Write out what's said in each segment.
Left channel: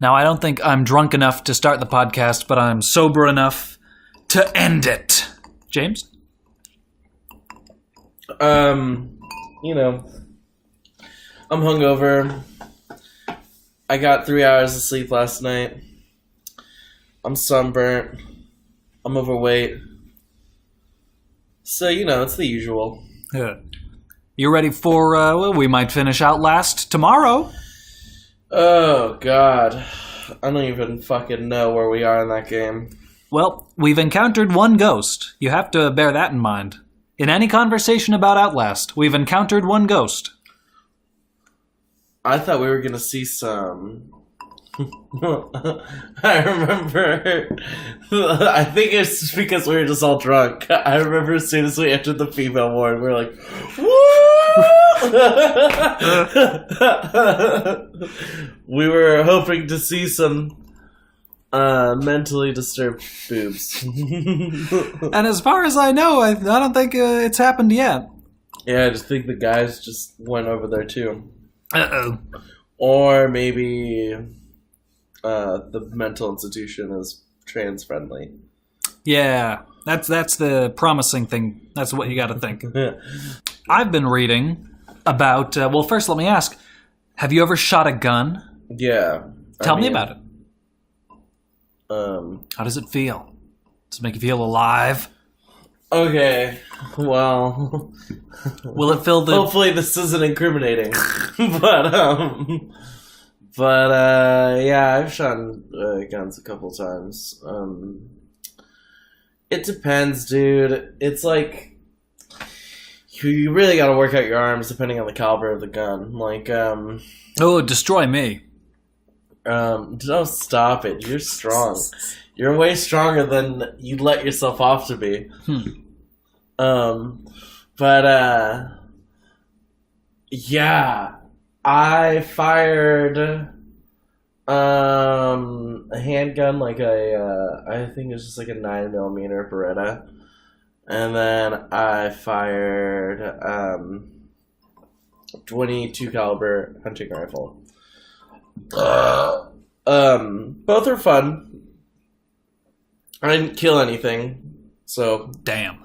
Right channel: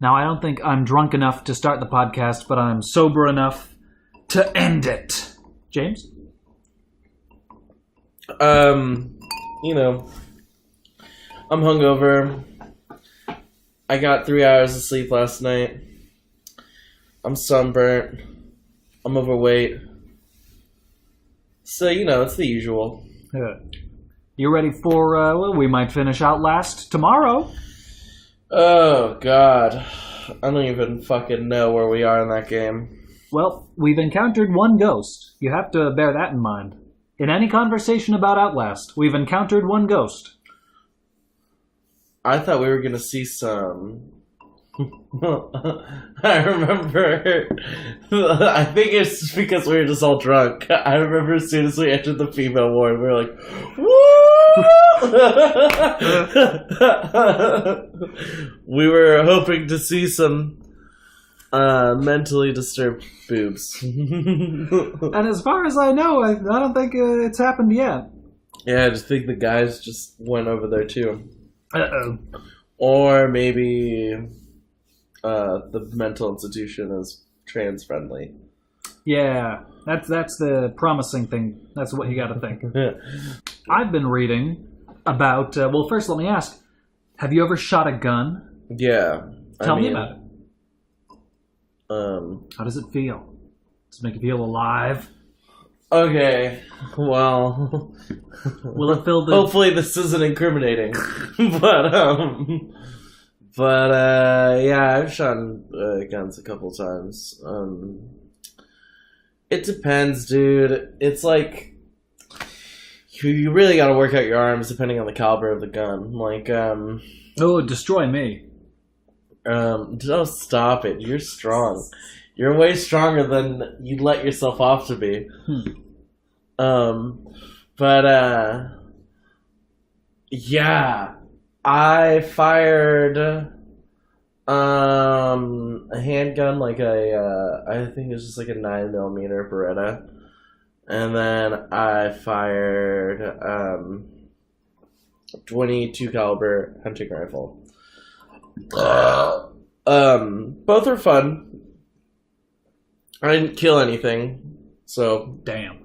Now, I don't think I'm drunk enough to start the podcast, but I'm sober enough to end it. James? You know, I'm hungover. I got 3 hours of sleep last night. I'm sunburnt. I'm overweight. So, it's the usual. Yeah. You ready for, we might finish Outlast tomorrow? Oh, God. I don't even fucking know where we are in that game. Well, we've encountered one ghost. You have to bear that in mind. In any conversation about Outlast, we've encountered one ghost. I thought we were gonna see some... I remember... I think it's just because we were just all drunk. I remember as soon as we entered the female ward, we were like, woo! We were hoping to see some mentally disturbed boobs. And as far as I know, I don't think it's happened yet. Yeah, I just think the guys just went over there too. Uh-oh. Or maybe the mental institution is trans friendly. Yeah, that's the promising thing. That's what you got to think. I've been reading about... well, first let me ask, have you ever shot a gun? Yeah. Tell me about it. How does it feel? Does it make you feel alive? Okay, well... Will it fill the... Hopefully this isn't incriminating. But yeah, I've shot guns a couple times. It depends, dude. It's like... You really gotta work out your arms depending on the caliber of the gun. Like, Oh, destroy me. Don't stop it. You're strong. You're way stronger than you let yourself off to be. But yeah, I fired a handgun, like I think it was just like a 9mm Beretta, and then I fired 22 caliber hunting rifle. Both are fun. I didn't kill anything, so damn.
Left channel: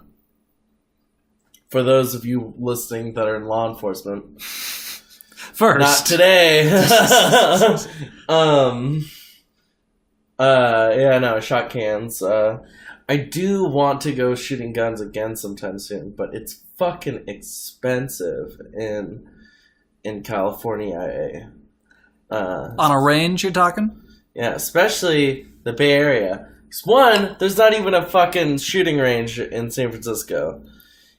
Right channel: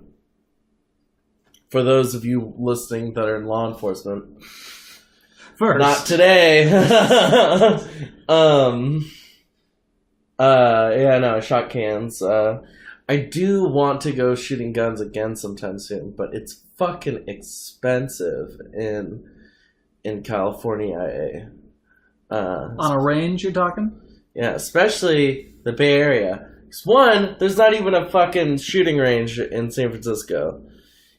For those of you listening that are in law enforcement, first, not today. Yeah, no, shot cans. I do want to go shooting guns again sometime soon, but it's fucking expensive in California. On a range, you're talking? Yeah, especially the Bay Area. 'Cause one, there's not even a fucking shooting range in San Francisco.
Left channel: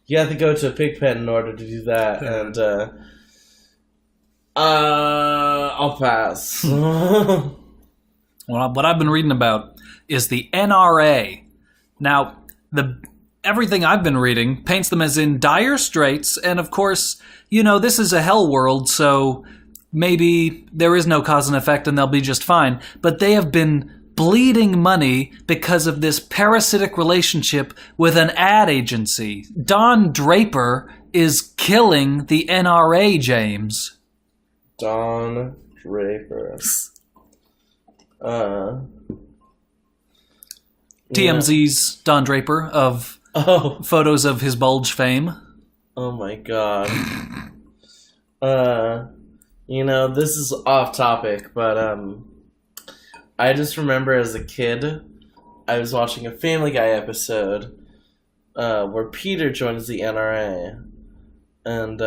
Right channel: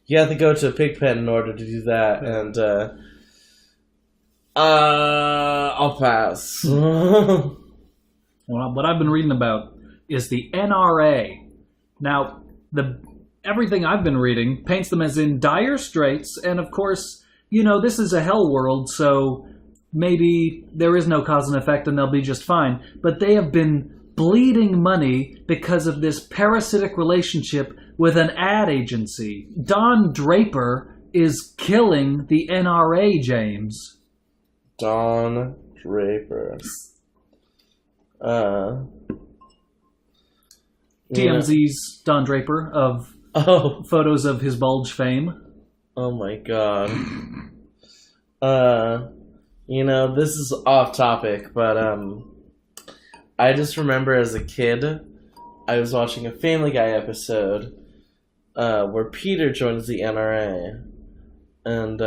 You have to go to a pig pen in order to do that, and I'll pass. Well, what I've been reading about is the NRA. Now, everything I've been reading paints them as in dire straits, and of course, this is a hell world, so maybe there is no cause and effect and they'll be just fine. But they have been bleeding money because of this parasitic relationship with an ad agency. Don Draper is killing the NRA, James. Don Draper. TMZ's Don Draper of photos of his bulge fame. Oh my god. This is off topic, but I just remember as a kid, I was watching a Family Guy episode where Peter joins the NRA, and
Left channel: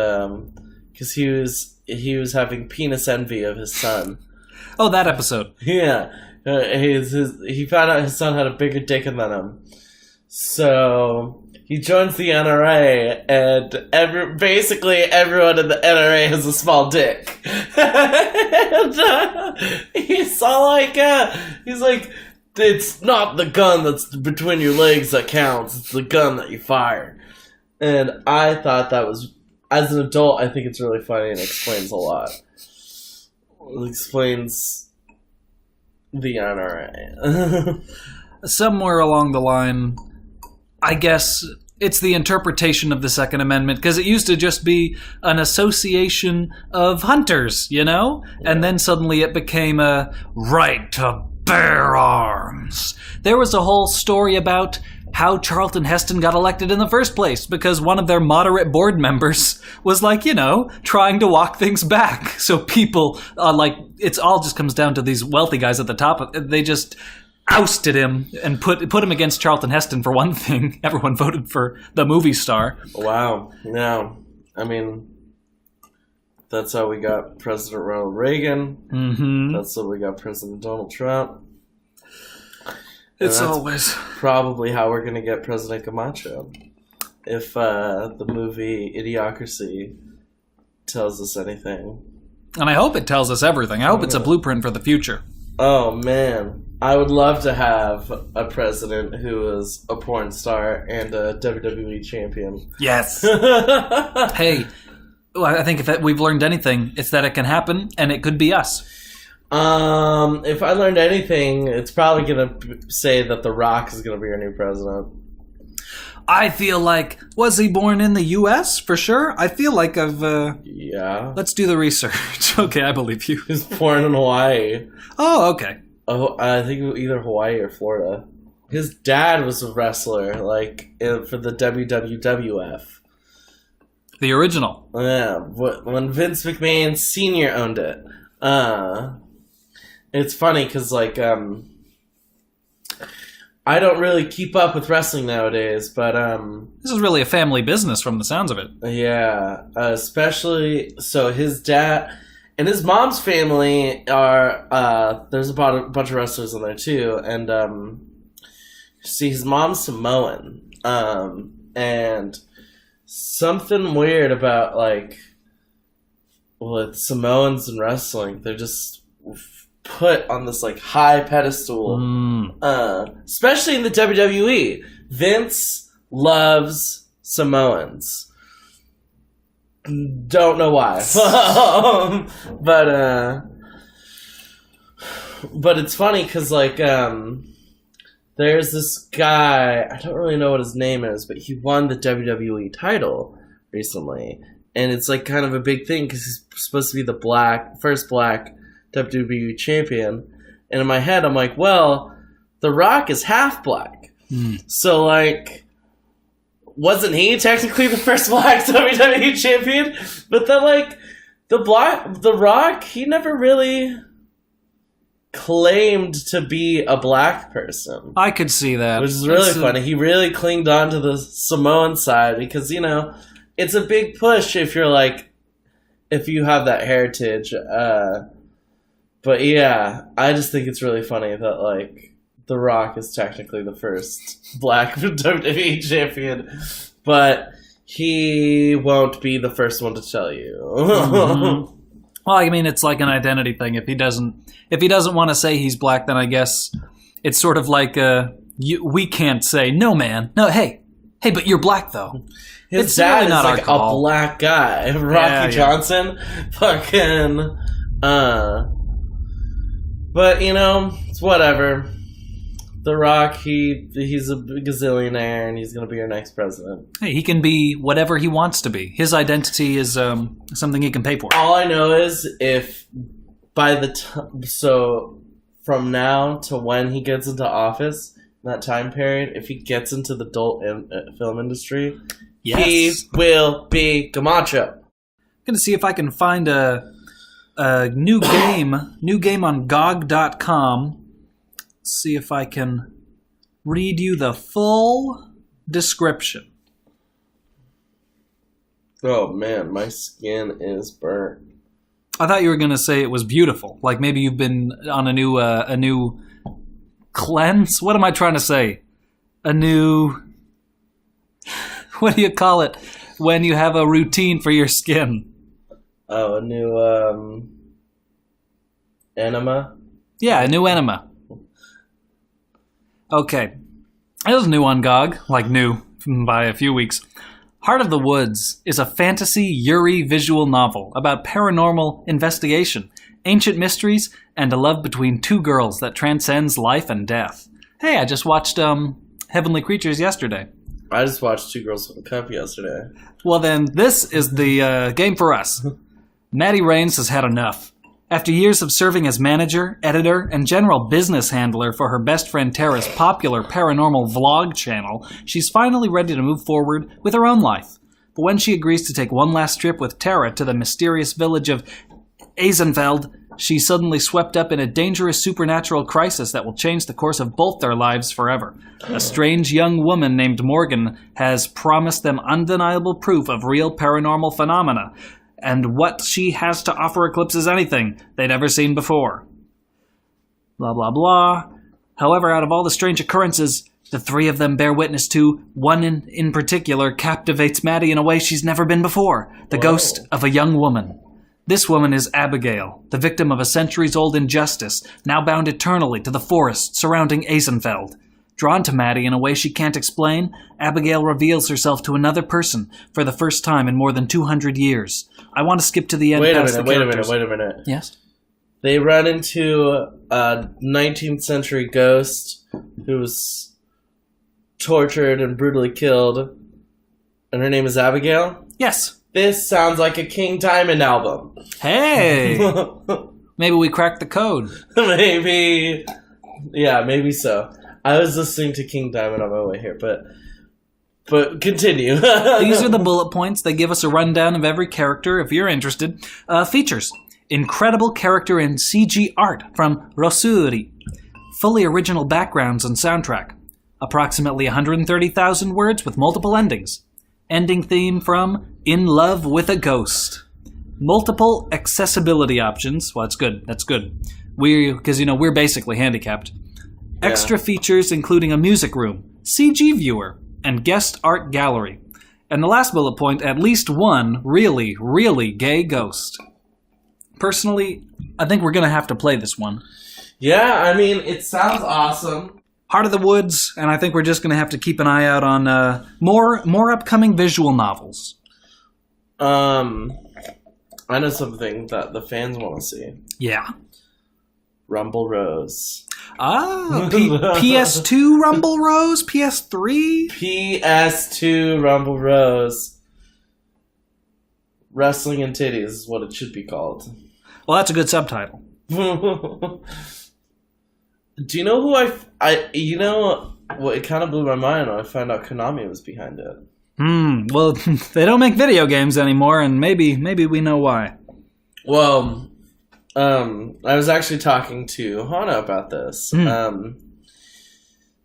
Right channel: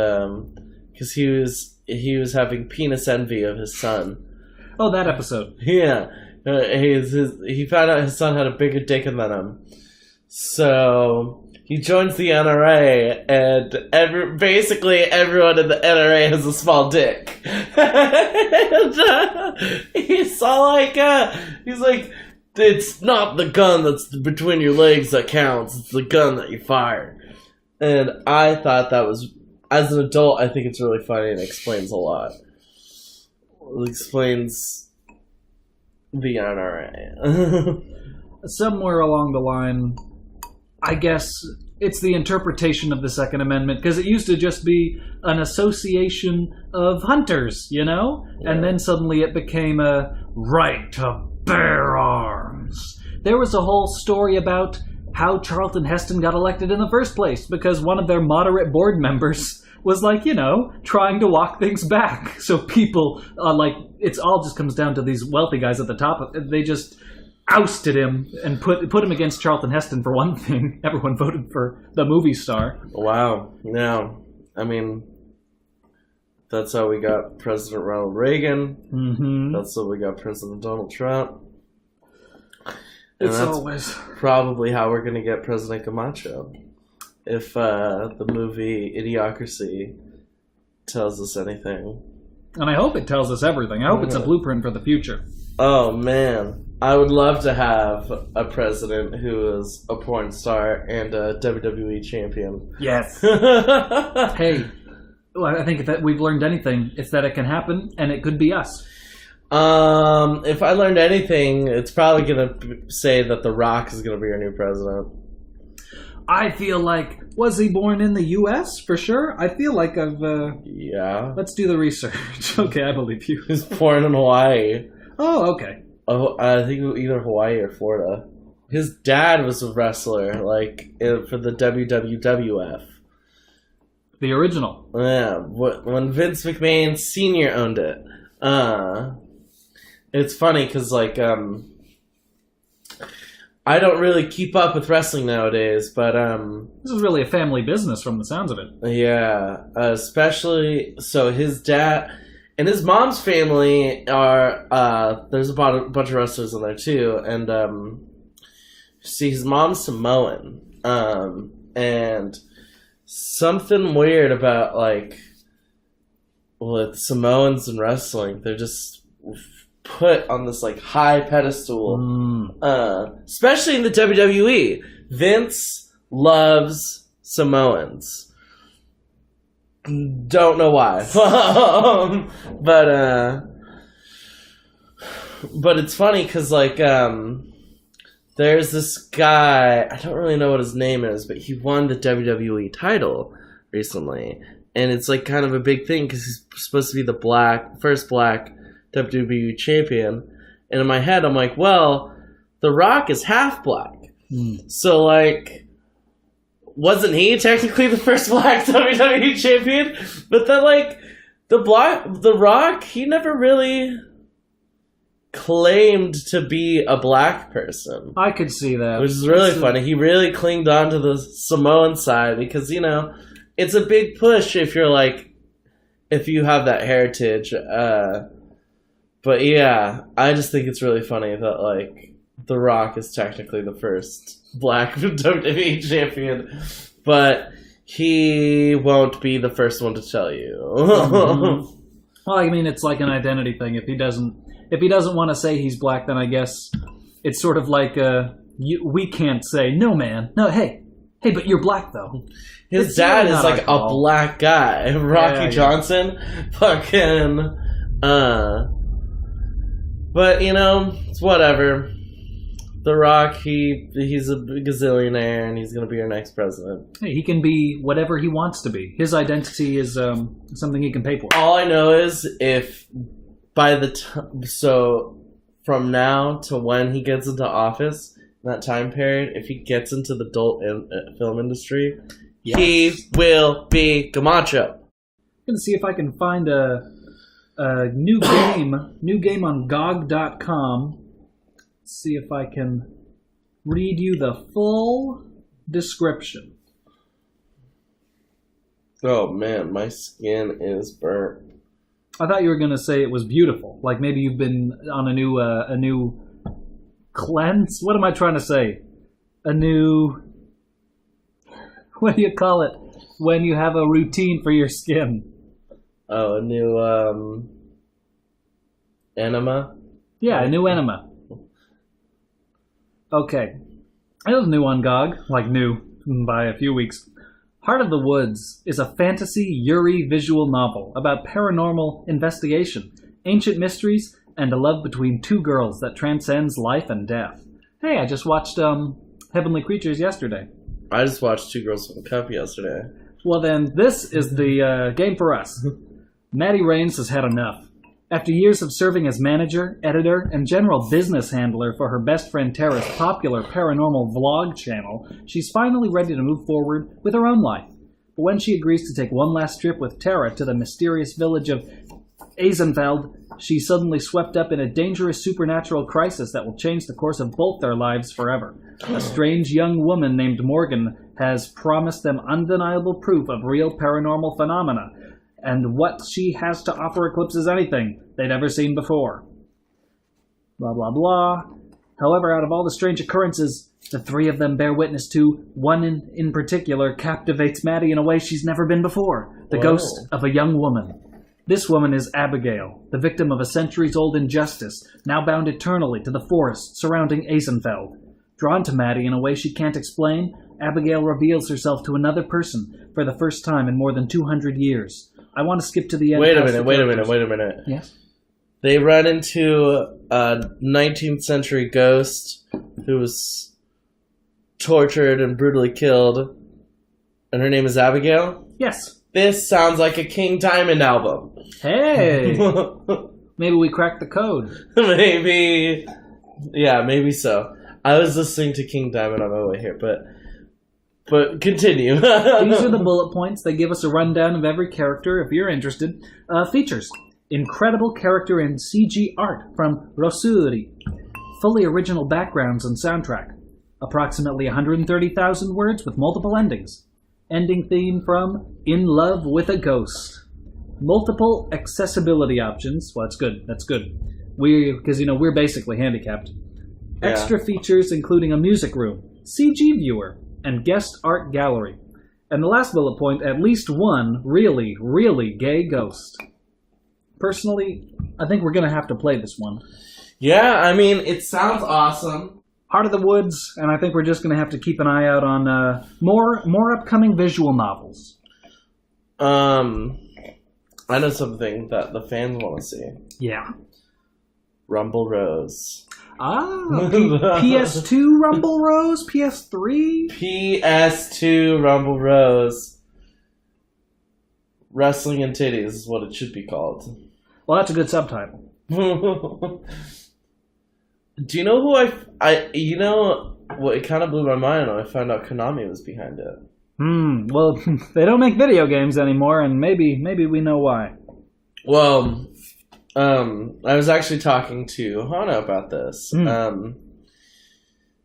because he was having penis envy of his son. Oh, that episode. Yeah, he found out his son had a bigger dick than him, so he joins the NRA, and basically everyone in the NRA has a small dick. And, he's like, it's not the gun that's between your legs that counts, it's the gun that you fire. And I thought that was, as an adult, I think it's really funny and explains a lot. It explains the NRA. Somewhere along the line, I guess it's the interpretation of the Second Amendment, because it used to just be an association of hunters, you know? Yeah. And then suddenly it became a right to bear arms. There was a whole story about how Charlton Heston got elected in the first place, because one of their moderate board members was like, you know, trying to walk things back. So people, it's all just comes down to these wealthy guys at the top. They just ousted him and put him against Charlton Heston for one thing. Everyone voted for the movie star. Wow. Yeah. I mean, that's how we got President Ronald Reagan. Mm-hmm. That's how we got President Donald Trump. It's always probably how we're going to get President Camacho. If the movie Idiocracy tells us anything. And I hope it tells us everything. I hope it's a blueprint for the future. Oh, man. I would love to have a president who is a porn star and a WWE champion. Yes. Hey, I think if we've learned anything, it's that it can happen, and it could be us. If I learned anything, it's probably going to say that The Rock is going to be our new president. I feel like, was he born in the U.S. for sure? I feel like Yeah. Let's do the research. Okay, I believe you. He was born in Hawaii. Oh, okay. Oh, I think either Hawaii or Florida. His dad was a wrestler, for the WWF. The original. Yeah, when Vince McMahon Sr. owned it. It's funny because, I don't really keep up with wrestling nowadays, but, This is really a family business from the sounds of it. Yeah, especially, so his dad and his mom's family are, there's a bunch of wrestlers in there too, and, see, his mom's Samoan, and something weird about, with Samoans and wrestling, they're just put on this high pedestal, especially in the WWE. Vince loves Samoans. Don't know why, but it's funny because there's this guy, I don't really know what his name is, but he won the WWE title recently, and it's kind of a big thing because he's supposed to be the first black WWE champion. And in my head, I'm like, well, The Rock is half black. So, wasn't he technically the first black WWE champion? But then, The Rock, he never really claimed to be a black person. I could see that. Which is really funny. He really clinged on to the Samoan side because, it's a big push if you have that heritage. But yeah, I just think it's really funny that The Rock is technically the first black WWE champion, but he won't be the first one to tell you. Mm-hmm. Well, I mean, it's like an identity thing. If he doesn't want to say he's black, then I guess it's sort of like we can't say no, man, no, hey, but you're black though. His dad is a black guy, Rocky Johnson, fucking. But it's whatever. The Rock, he's a gazillionaire, and he's gonna be our next president. Hey, he can be whatever he wants to be. His identity is something he can pay for. All I know is if by the time, so from now to when he gets into office, in that time period, if he gets into the adult film industry, he will be Camacho. I'm gonna see if I can find a new game on GOG.com. See if I can read you the full description. Oh man, my skin is burnt. I thought you were gonna say it was beautiful. Like maybe you've been on a new cleanse. What am I trying to say? A new. What do you call it when you have a routine for your skin? Oh, a new enema? Yeah, a new enema. Okay. It was new on GOG, like new by a few weeks. Heart of the Woods is a fantasy Yuri visual novel about paranormal investigation, ancient mysteries, and a love between two girls that transcends life and death. Hey, I just watched Heavenly Creatures yesterday. I just watched Two Girls One Cup yesterday. Well, then, this is the game for us. Maddie Rains has had enough. After years of serving as manager, editor, and general business handler for her best friend Tara's popular paranormal vlog channel, she's finally ready to move forward with her own life. But when she agrees to take one last trip with Tara to the mysterious village of Eisenfeld, she's suddenly swept up in a dangerous supernatural crisis that will change the course of both their lives forever. A strange young woman named Morgan has promised them undeniable proof of real paranormal phenomena, and what she has to offer eclipses anything they'd ever seen before. Blah, blah, blah. However, out of all the strange occurrences the three of them bear witness to, one in particular captivates Maddie in a way she's never been before. The ghost of a young woman. This woman is Abigail, the victim of a centuries-old injustice, now bound eternally to the forest surrounding Eisenfeld. Drawn to Maddie in a way she can't explain, Abigail reveals herself to another person for the first time in more than 200 years. I want to skip to the end. Wait a minute. Yes? They run into a 19th century ghost who was tortured and brutally killed, and her name is Abigail? Yes. This sounds like a King Diamond album. Hey! Maybe we cracked the code. Maybe. Yeah, maybe so. I was listening to King Diamond on my way here, but continue. These are the bullet points. They give us a rundown of every character, if you're interested. Features. Incredible character and CG art from Rossuri. Fully original backgrounds and soundtrack. Approximately 130,000 words with multiple endings. Ending theme from In Love with a Ghost. Multiple accessibility options. Well, that's good. That's good. Because, we're basically handicapped. Yeah. Extra features including a music room, CG viewer, and guest art gallery. And the last bullet point, at least one really, really gay ghost. Personally, I think we're going to have to play this one. Yeah, I mean, it sounds awesome. Heart of the Woods, and I think we're just going to have to keep an eye out on more upcoming visual novels. I know something that the fans want to see. Yeah. Rumble Rose. Ah, PS2 Rumble Rose? PS3? PS2 Rumble Rose. Wrestling and Titties is what it should be called. Well, that's a good subtitle. Do you know who you know what, it kind of blew my mind when I found out Konami was behind it. Well, they don't make video games anymore, and maybe we know why. Well, I was actually talking to Hana about this.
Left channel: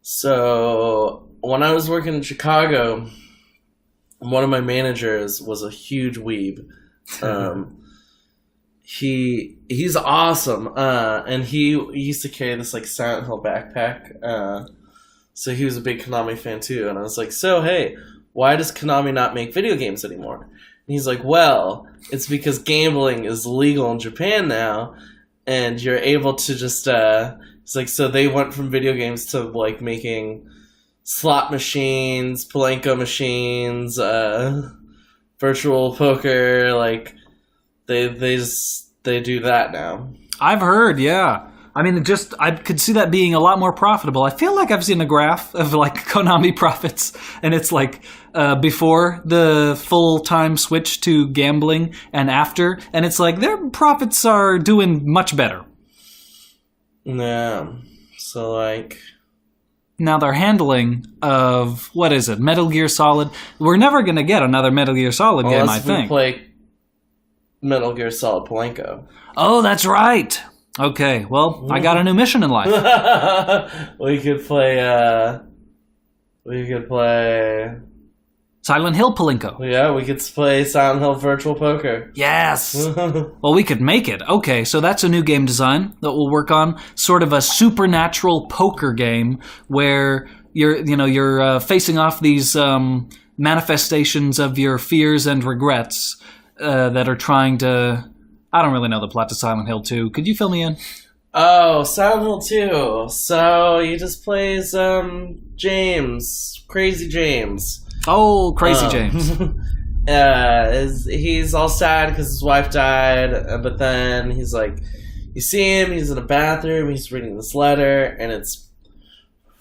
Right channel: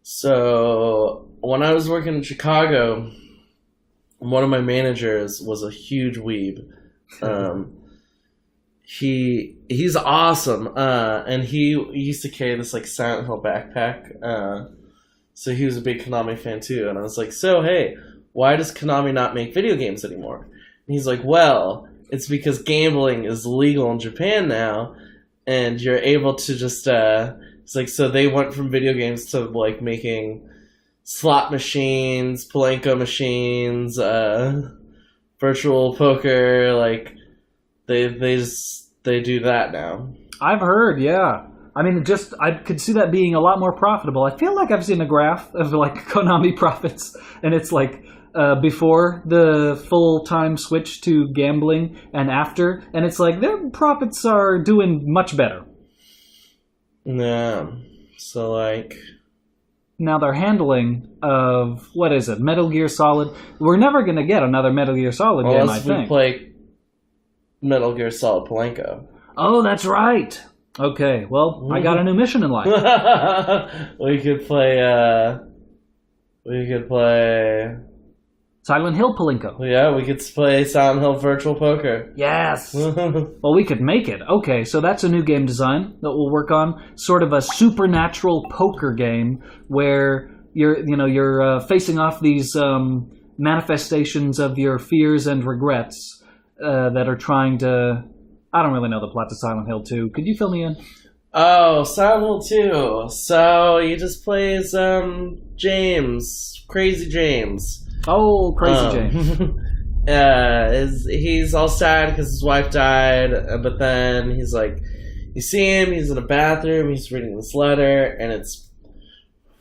So when I was working in Chicago, one of my managers was a huge weeb. He's awesome, and he used to carry this like Silent Hill backpack. So he was a big Konami fan too, and I was like, "So hey, why does Konami not make video games anymore?" And he's like, "Well, it's because gambling is legal in Japan now, and you're able to just." It's like so they went from video games to like making slot machines, Palenko machines, virtual poker, like. They do that now. I've heard, yeah. I mean, I could see that being a lot more profitable. I feel like I've seen a graph of like Konami profits, and it's like before the full-time switch to gambling and after, and it's like their profits are doing much better. Yeah. So like. Now their handling of what is it, Metal Gear Solid? We're never gonna get another Metal Gear Solid game, I think. Play Metal Gear Solid Palenko. Oh, that's right. Okay, well, I got a new mission in life. We could play Silent Hill Palenko. Yeah, we could play Silent Hill Virtual Poker. Yes. Well, we could make it. Okay, so that's a new game design that we'll work on. Sort of a supernatural poker game where you're facing off these manifestations of your fears and regrets. That are trying to... I don't really know the plot to Silent Hill 2. Could you fill me in? Oh, Silent Hill 2. So he just plays James. Crazy James. Oh, Crazy James. He's all sad because his wife died, but then he's like... You see him, he's in a bathroom, he's reading this letter, and it's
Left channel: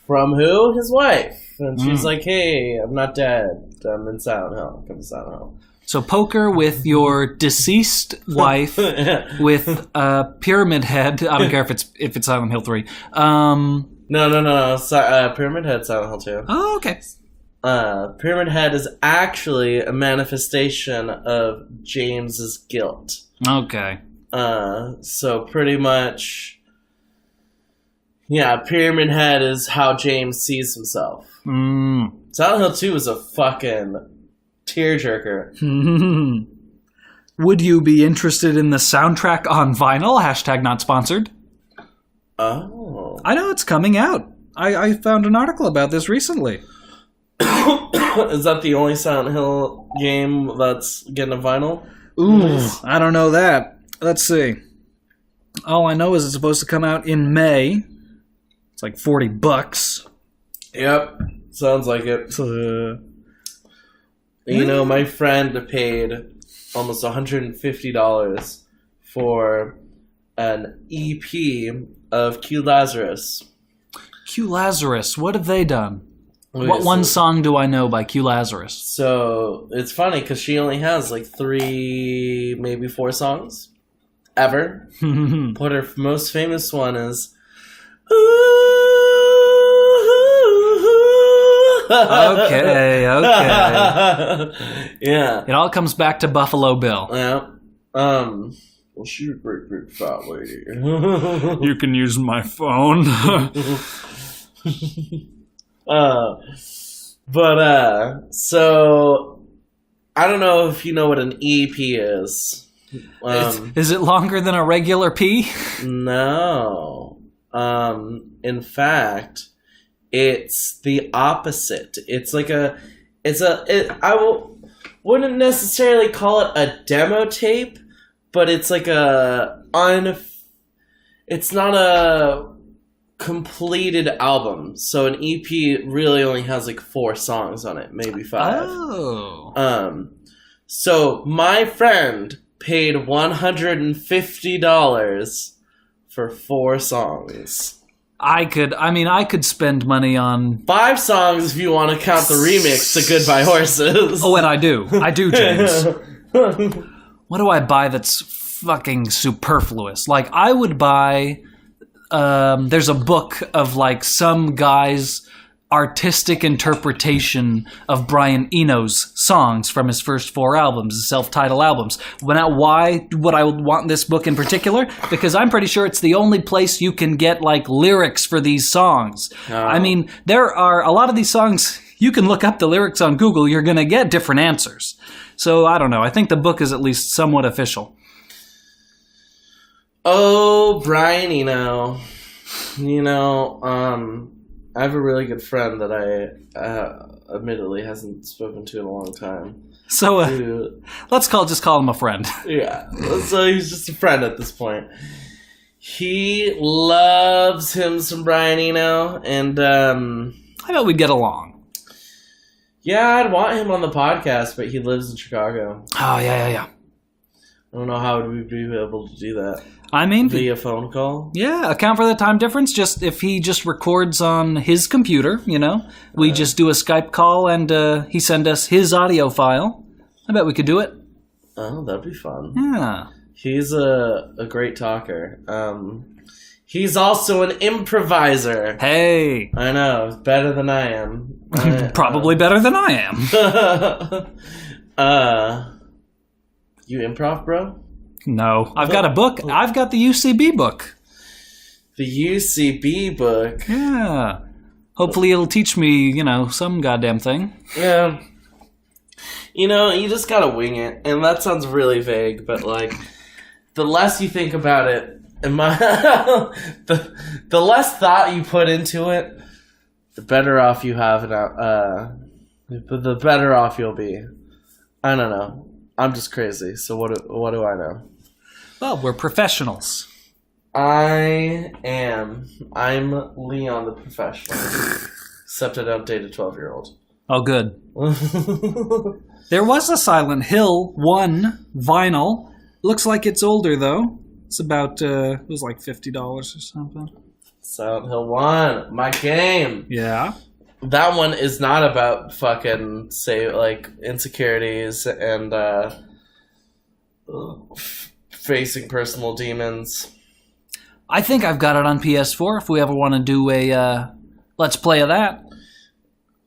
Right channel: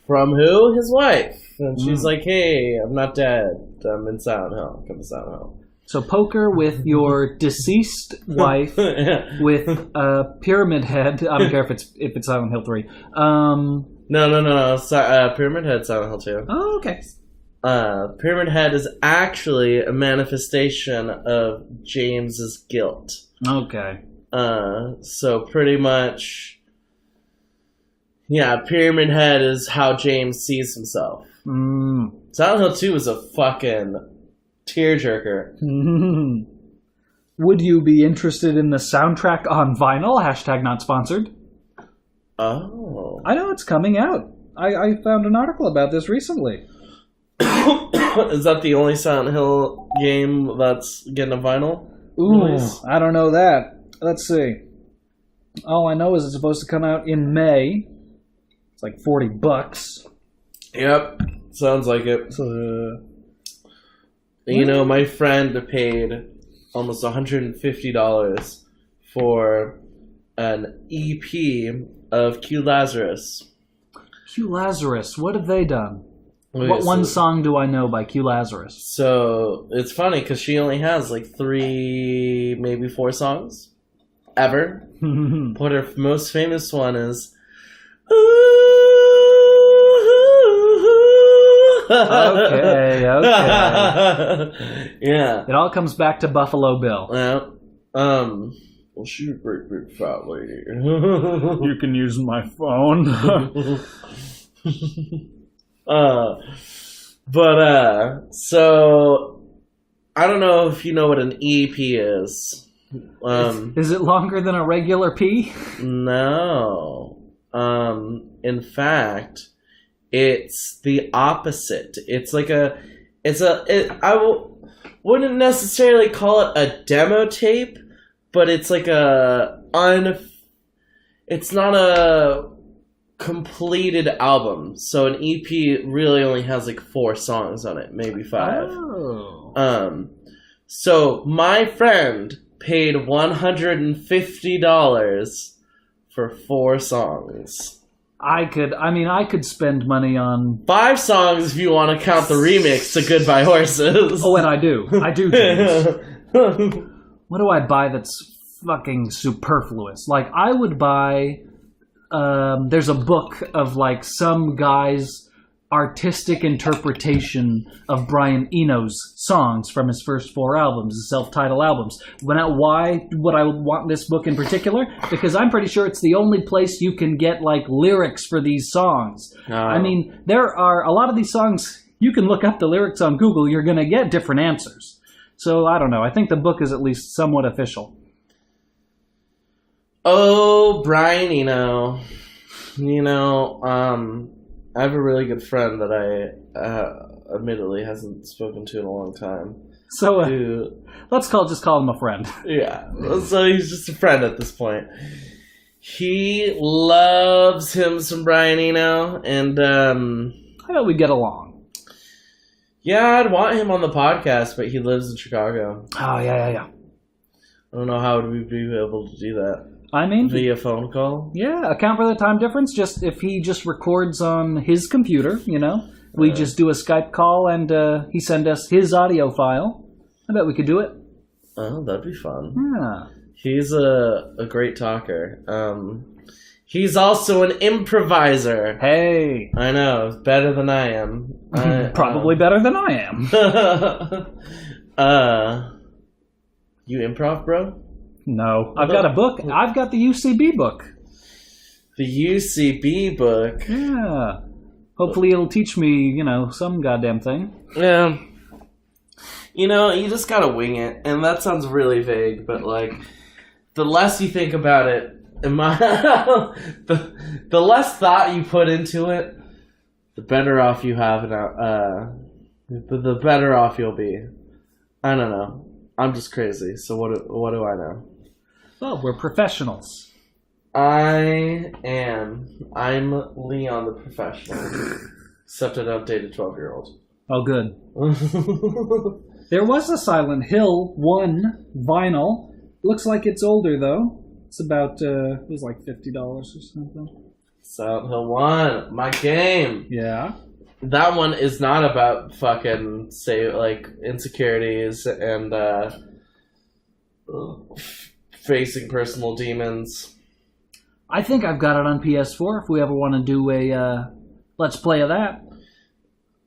From who? His wife. And she's like, hey, I'm not dead. I'm in Silent Hill. Come to Silent Hill. So poker with your deceased wife with a Pyramid Head. I don't care if it's Silent Hill 3. No. Pyramid Head, Silent Hill 2. Oh, okay. Pyramid Head is actually a manifestation of James's guilt. Okay. So pretty much, yeah, Pyramid Head is how James sees himself. Silent Hill 2 is a fucking tearjerker. Would you be interested in the soundtrack on vinyl? # not sponsored. Oh. I know it's coming out. I found an article about this recently. Is that the only Silent Hill game that's getting a vinyl? Ooh, I don't know that. Let's see. All I know is it's supposed to come out in May. It's like $40. Yep, sounds like it. You know, my friend paid almost $150 for an EP of Q Lazarus. Q Lazarus, what have they done? What one song do I know by Q Lazarus? So, it's funny because she only has like 3, maybe 4 songs ever. But her most famous one is... Okay. Yeah. It all comes back to Buffalo Bill. Yeah. Well, she's a great big fat lady. You can use my phone. So I don't know if you know what an EP is. Is it longer than a regular P? No. In fact, it's the opposite. It's like wouldn't necessarily call it a demo tape, but it's like it's not a completed album. So an EP really only has like 4 songs on it, maybe 5. Oh. So my friend paid $150 for 4 songs. I could spend money on 5 songs if you want to count the remix to Goodbye Horses. Oh, and I do, James. What do I buy that's fucking superfluous? Like, I would buy... there's a book of, like, some guy's artistic interpretation of Brian Eno's songs from his first 4 albums, his self-titled albums. Why would I want this book in particular? Because I'm pretty sure it's the only place you can get, like, lyrics for these songs. I mean, there are a lot of these songs, you can look up the lyrics on Google, you're going to get different answers. So, I don't know. I think the book is at least somewhat official. Oh, Brian Eno. I have a really good friend that I admittedly hasn't spoken to in a long time. So let's just call him a friend. Yeah, so he's just a friend at this point. He loves him some Brian Eno, and I bet we'd get along. Yeah, I'd want him on the podcast, but he lives in Chicago. Oh, yeah. I don't know how we'd be able to do that. I mean... Via phone call? Yeah, account for the time difference. Just if he just records on his computer, we just do a Skype call and he send us his audio file. I bet we could do it. Oh, that'd be fun. Yeah. He's a great talker. He's also an improviser. Hey. I know, better than I am. Probably better than I am. You improv, bro? No. I've got a book. I've got the UCB book. The UCB book? Yeah. Hopefully it'll teach me, some goddamn thing. Yeah. You just gotta wing it. And that sounds really vague, but, like, the less you think about it, the less thought you put into it, the better off you have the better off you'll be. I don't know. I'm just crazy, so what do I know? Well, we're professionals. I am. I'm Leon the professional. Except I don't date a 12-year-old. Oh, good. There was a Silent Hill 1 vinyl. Looks like it's older, though. It's about, it was like $50 or something. Silent Hill 1, my game. Yeah. That one is not about fucking, say, like, insecurities and facing personal demons. I think I've got it on PS4 if we ever want to do a Let's Play of that.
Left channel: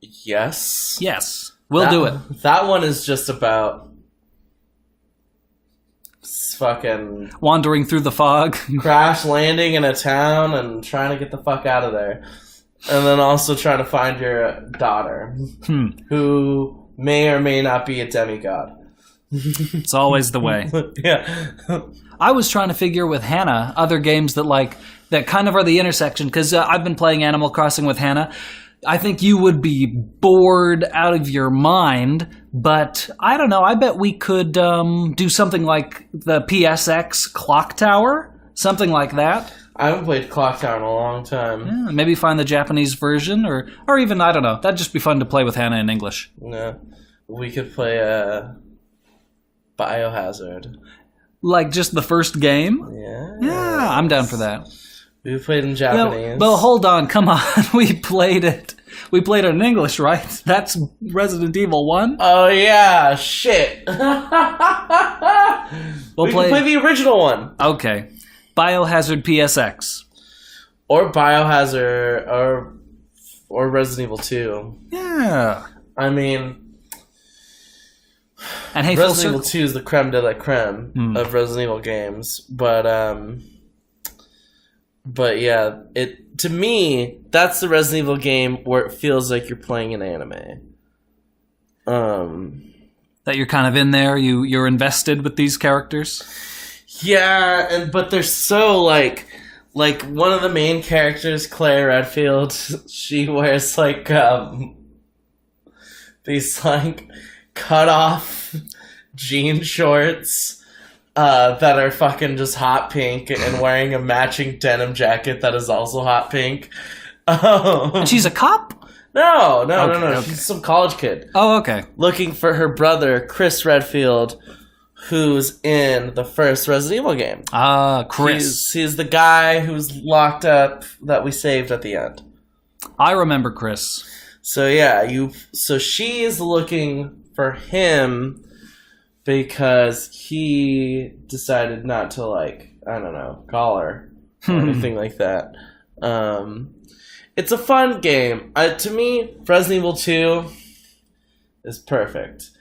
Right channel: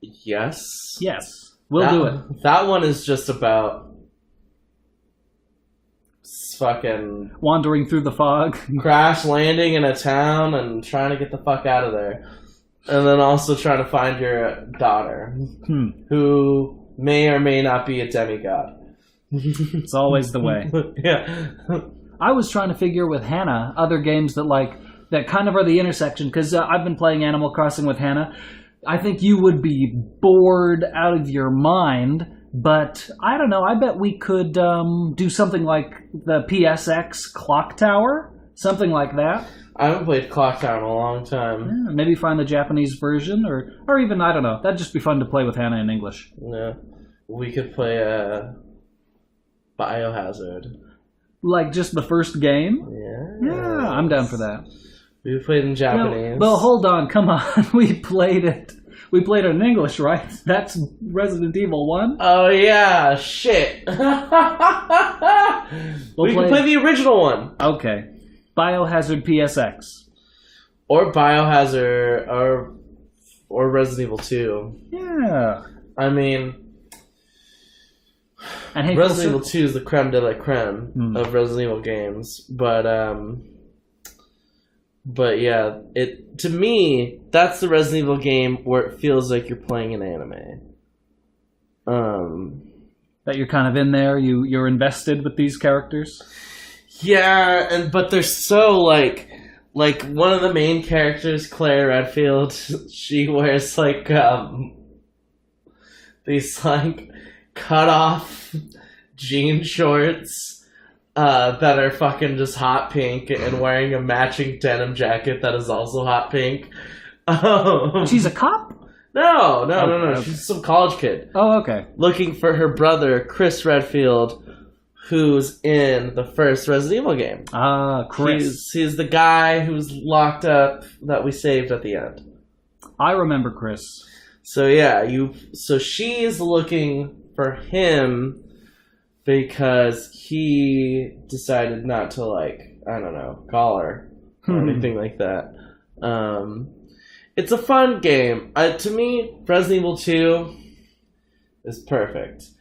Yes. Yes. We'll do it. That one is just about fucking wandering through the fog. crash landing in a town and trying to get the fuck out of there. And then also trying to find your daughter, who may or may not be a demigod. It's always the way. Yeah. I was trying to figure with Hannah other games that kind of are the intersection, because I've been playing Animal Crossing with Hannah. I think you would be bored out of your mind, but I don't know. I bet we could do something like the PSX Clock Tower, something like that. I haven't played Clock Tower in a long time. Yeah, maybe find the Japanese version, or even, I don't know. That'd just be fun to play with Hannah in English. Yeah. We could play Biohazard. Like just the first game? Yeah. Yeah, I'm down for that. We played in Japanese. But hold on, come on. We played it in English, right? That's Resident Evil 1? Oh, yeah. Shit. We can play the original one. Okay. Biohazard PSX. Or Biohazard, or Resident Evil 2. Yeah. I mean, and hey, Resident Evil 2 is the creme de la creme of Resident Evil games. But yeah, to me, that's the Resident Evil game where it feels like you're playing an anime. That you're kind of in there, you're invested with these characters. Yeah, but they're so like one of the main characters, Claire Redfield, she wears like these like cut off jean shorts that are fucking just hot pink, and wearing a matching denim jacket that is also hot pink. And she's a cop? No. Okay. She's some college kid. Oh, okay. Looking for her brother, Chris Redfield, who's in the first Resident Evil game. Ah, Chris. He's the guy who's locked up that we saved at the end. I remember Chris. So yeah, so she is looking for him because he decided not to, like, I don't know, call her or anything like that. It's a fun game. To me, Resident Evil 2 is perfect.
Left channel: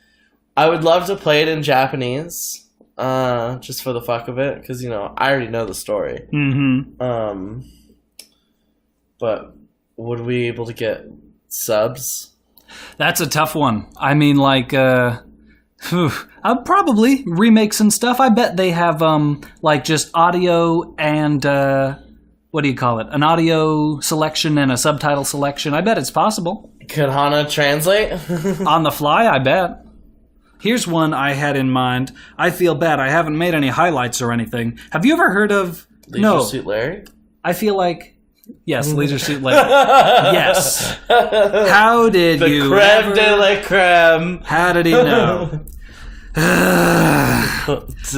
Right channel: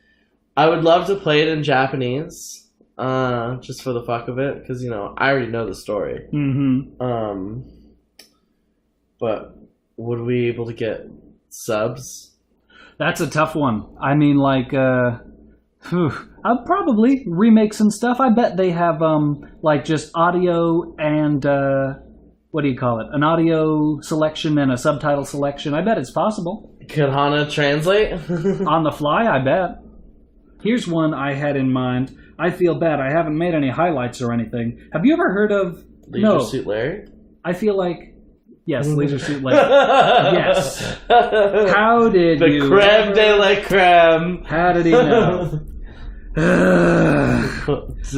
I would love to play it in Japanese, just for the fuck of it, because, I already know the story. Mm-hmm. But would we be able to get subs? That's a tough one. I mean, like, probably remakes and stuff. I bet they have, like, just audio and, what do you call it? An audio selection and a subtitle selection. I bet it's possible. Could Hana translate? On the fly, I bet. Here's one I had in mind. I feel bad. I haven't made any highlights or anything. Have you ever heard of... Leisure Suit Larry? I feel like... Yes, Leisure Suit Larry. Yes. How did the you... The creme de la creme. How did he know?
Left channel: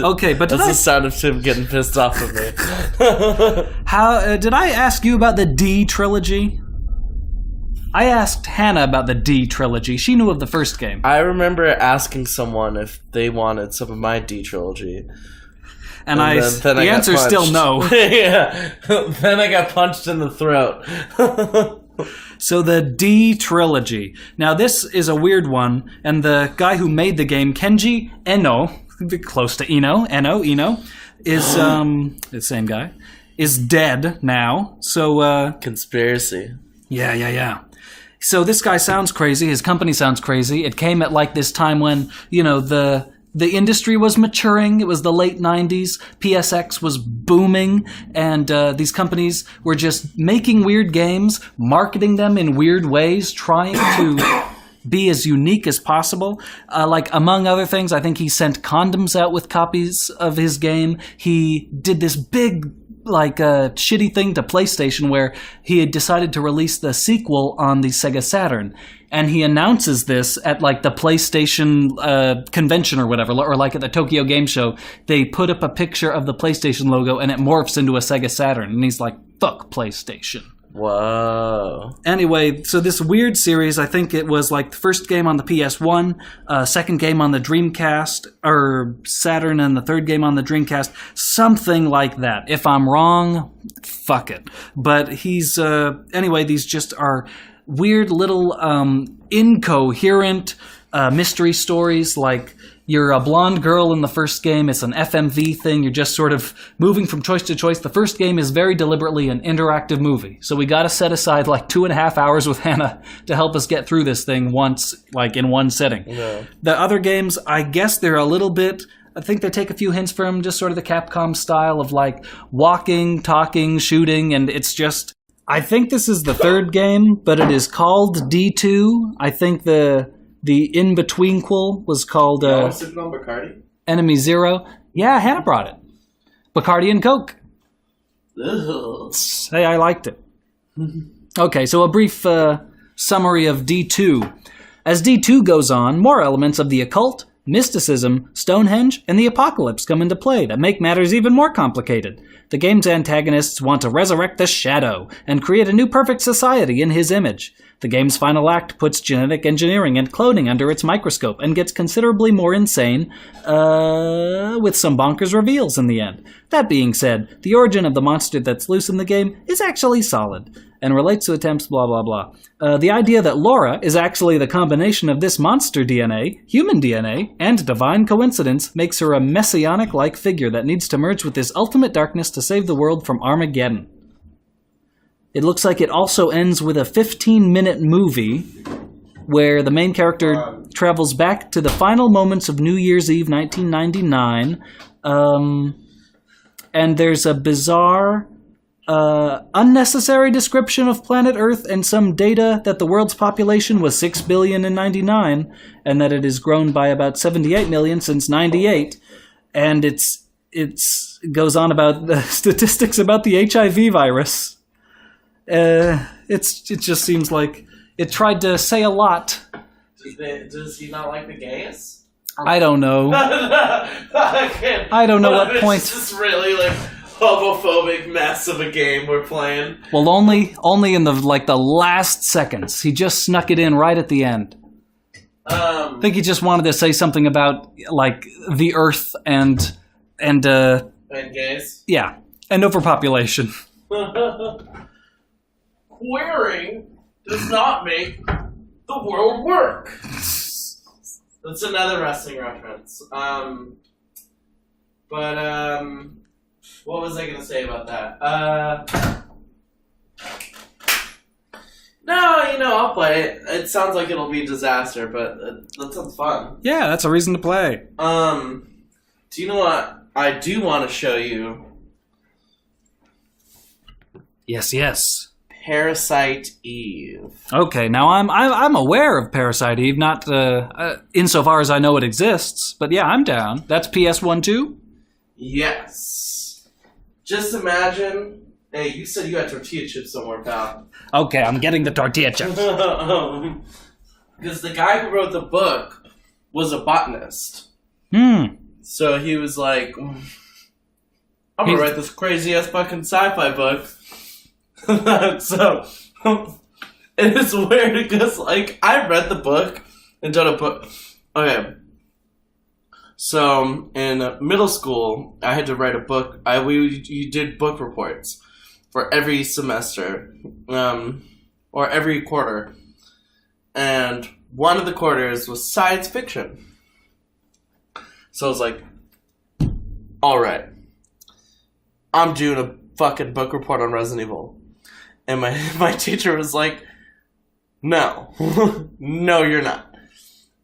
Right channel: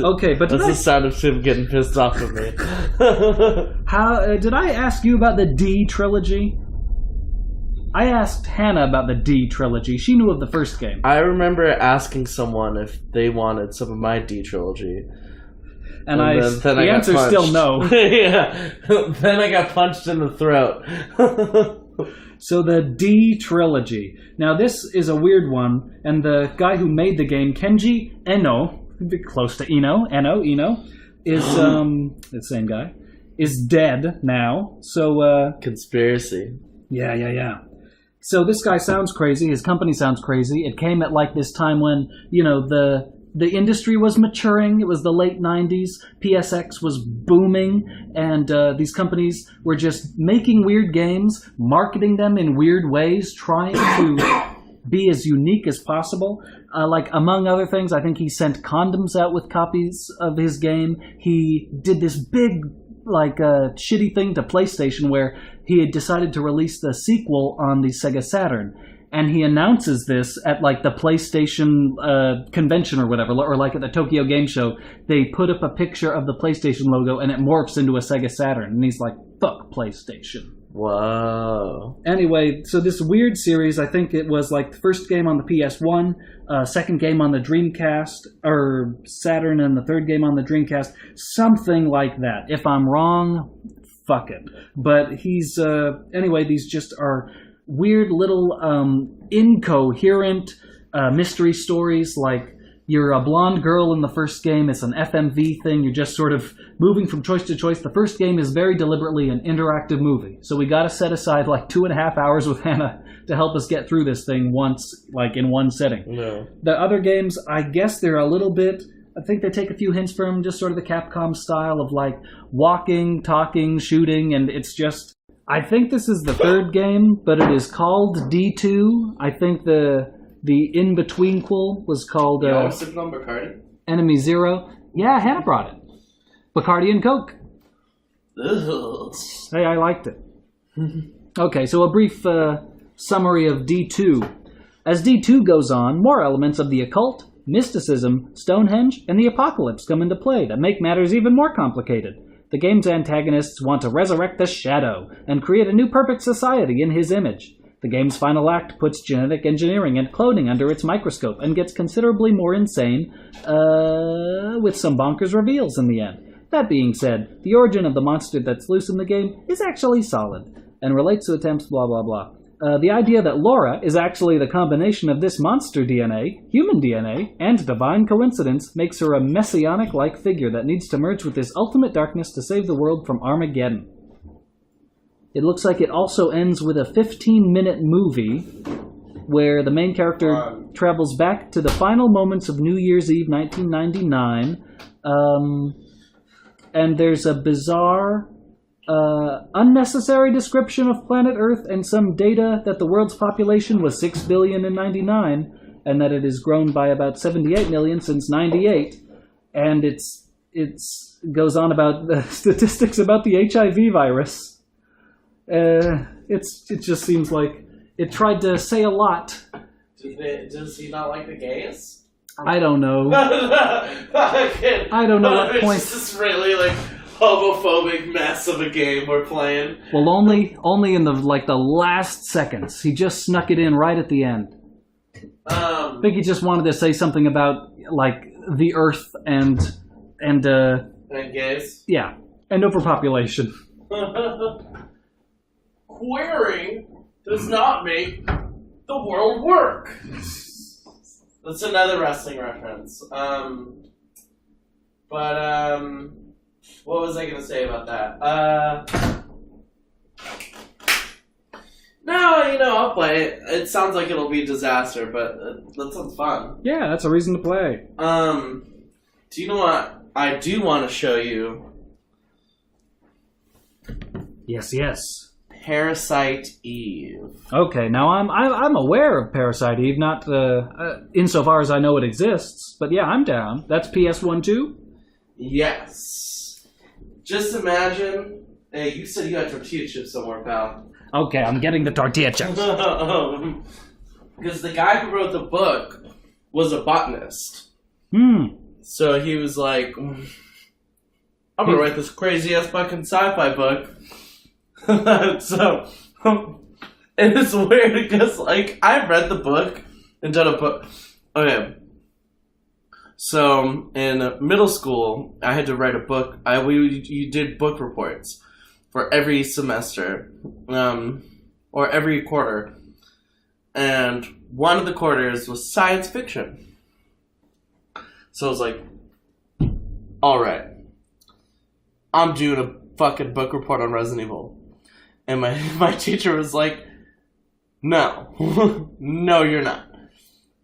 Okay, but that's the sound of Tim getting pissed off at me. How did I ask you about the D trilogy? I asked Hannah about the D trilogy. She knew of the first game. I remember asking someone if they wanted some of my D trilogy. And the answer's still no. Yeah. Then I got punched in the throat. So the D trilogy. Now this is a weird one, and the guy who made the game, Kenji Eno, close to Eno, is the same guy, is dead now. So conspiracy. Yeah. So this guy sounds crazy. His company sounds crazy. It came at like this time when, the industry was maturing. It was the late 90s. PSX was booming, and these companies were just making weird games, marketing them in weird ways, trying to be as unique as possible. Like, among other things, I think he sent condoms out with copies of his game. He did this big shitty thing to PlayStation where he had decided to release the sequel on the Sega Saturn. And he announces this at like the PlayStation convention or whatever, or like at the Tokyo Game Show. They put up a picture of the PlayStation logo and it morphs into a Sega Saturn. And he's like, fuck PlayStation. Whoa. Anyway, so this weird series, I think it was like the first game on the PS1, second game on the Dreamcast, or Saturn, and the third game on the Dreamcast, something like that. If I'm wrong, fuck it. But he's, anyway, these just are weird little incoherent mystery stories. Like, you're a blonde girl in the first game. It's an FMV thing. You're just sort of moving from choice to choice. The first game is very deliberately an interactive movie. So we got to set aside like 2.5 hours with Hannah to help us get through this thing once, like in one sitting. No. The other games, I guess they're a little bit... I think they take a few hints from just sort of the Capcom style of like walking, talking, shooting, and it's just... I think this is the third game, but it is called D2. I think the in-betweenquel was called sipping on Bacardi? Enemy Zero. Yeah, Hannah brought it. Bacardi and Coke. Ugh. Hey, I liked it. Okay, so a brief summary of D2. As D2 goes on, more elements of the occult, mysticism, Stonehenge, and the apocalypse come into play that make matters even more complicated. The game's antagonists want to resurrect the Shadow and create a new perfect society in his image. The game's final act puts genetic engineering and cloning under its microscope and gets considerably more insane, with some bonkers reveals in the end. That being said, the origin of the monster that's loose in the game is actually solid, and relates to attempts blah blah blah. The idea that Laura is actually the combination of this monster DNA, human DNA, and divine coincidence makes her a messianic-like figure that needs to merge with this ultimate darkness to save the world from Armageddon. It looks like it also ends with a 15-minute movie where the main character travels back to the final moments of New Year's Eve 1999, and there's a bizarre, unnecessary description of planet Earth and some data that the world's population was 6 billion in 99, and that it has grown by about 78 million since 98, and it goes on about the statistics about the HIV virus. It just seems like it tried to say a lot. Does he not like the gays? I don't know. I don't know what point. It's just really like homophobic mess of a game we're playing. Well, only in the last seconds. He just snuck it in right at the end. I think he just wanted to say something about like the Earth and gays. Yeah, and overpopulation. Queering does not make the world work. That's another wrestling reference. What was I going to say about that? No, I'll play it. It sounds like it'll be a disaster, but that sounds fun. Yeah, that's a reason to play. Do you know what I do want to show you? Yes. Parasite Eve. Okay, now I'm aware of Parasite Eve, not insofar as I know it exists, but yeah, I'm down. That's PS1 too? Yes. Just imagine. Hey, you said you had tortilla chips somewhere, pal. Okay, I'm getting the tortilla chips. Because the guy who wrote the book was a botanist. So he was like, I'm gonna write this crazy ass fucking sci-fi book. So, and it's weird because, like, I read the book and done a book. Okay. So, in middle school, I had to write a book. You did book reports for every semester, or every quarter. And one of the quarters was science fiction. So I was like, alright, I'm doing a fucking book report on Resident Evil. And my teacher was like, no. No, you're not.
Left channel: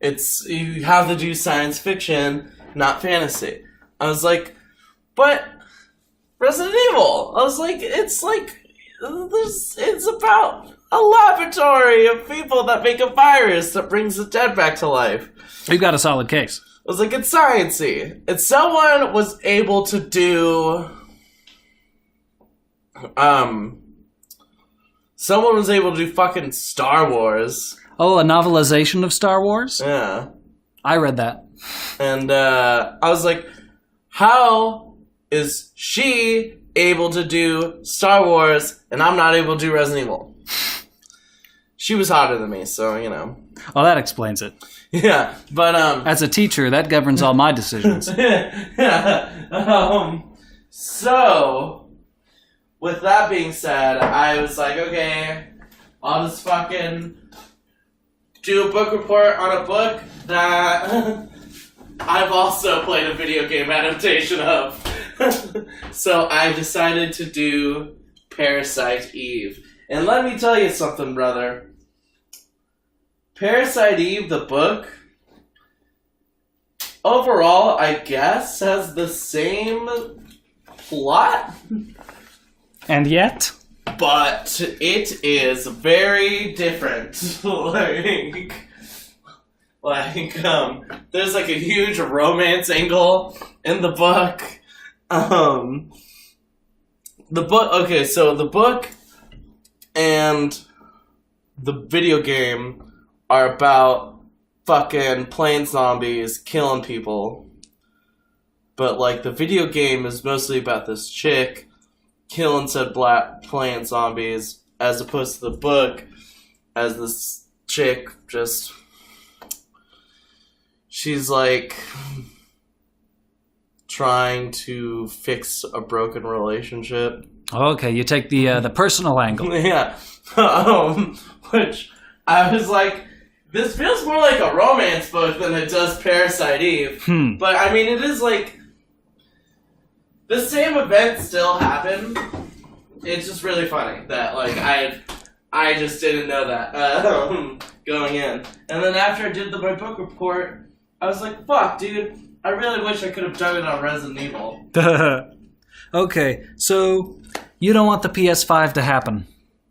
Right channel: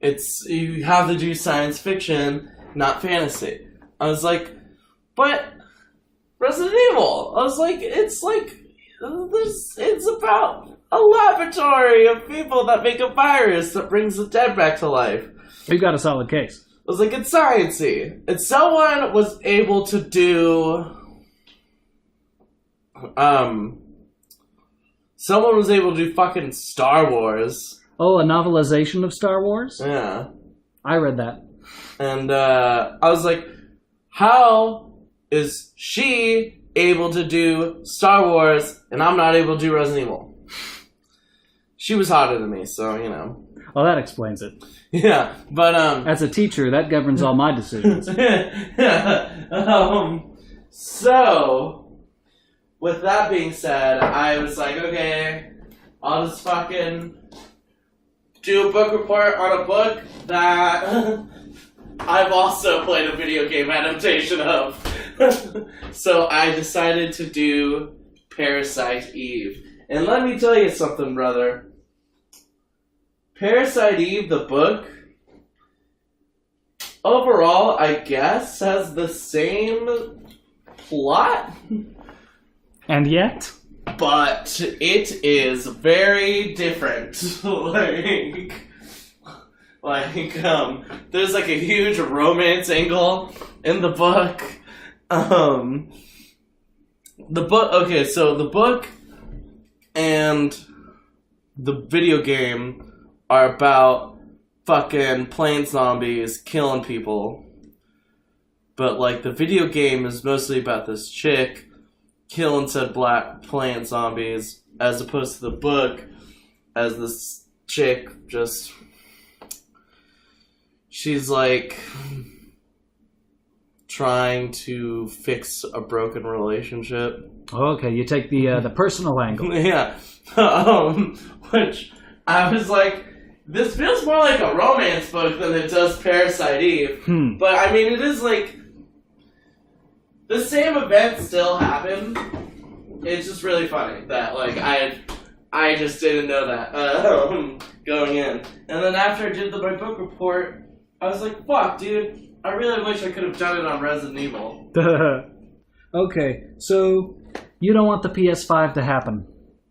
You have to do science fiction, not fantasy. I was like, but Resident Evil. I was like, it's about a laboratory of people that make a virus that brings the dead back to life. You got a solid case. I was like, it's sciencey. If someone was able to do someone was able to do fucking Star Wars. Oh, a novelization of Star Wars? Yeah. I read that. And I was like, how is she able to do Star Wars and I'm not able to do Resident Evil? She was hotter than me, so, you know. Oh, that explains it. Yeah, but as a teacher, that governs all my decisions. So, with that being said, I was like, okay, I'll just fucking do a book report on a book that I've also played a video game adaptation of. So I decided to do Parasite Eve. And let me tell you something, brother. Parasite Eve, the book, overall, I guess, has the same plot. And yet? But it is very different. There's like a huge romance angle in the book. The book and the video game are about fucking playing zombies, killing people. But, like, the video game is mostly about this chick killing said playing zombies, as opposed to the book, as this chick just... She's, like, trying to fix a broken relationship. Okay, you take the personal angle. Yeah. Which, I was like, this feels more like a romance book than it does Parasite Eve. But, I mean, it is, like, the same event still happened. It's just really funny that, like, I just didn't know that going in. And then after I did my book report, I was like, fuck, dude, I really wish I could have done it on Resident Evil. Okay, so you don't want the PS5 to happen,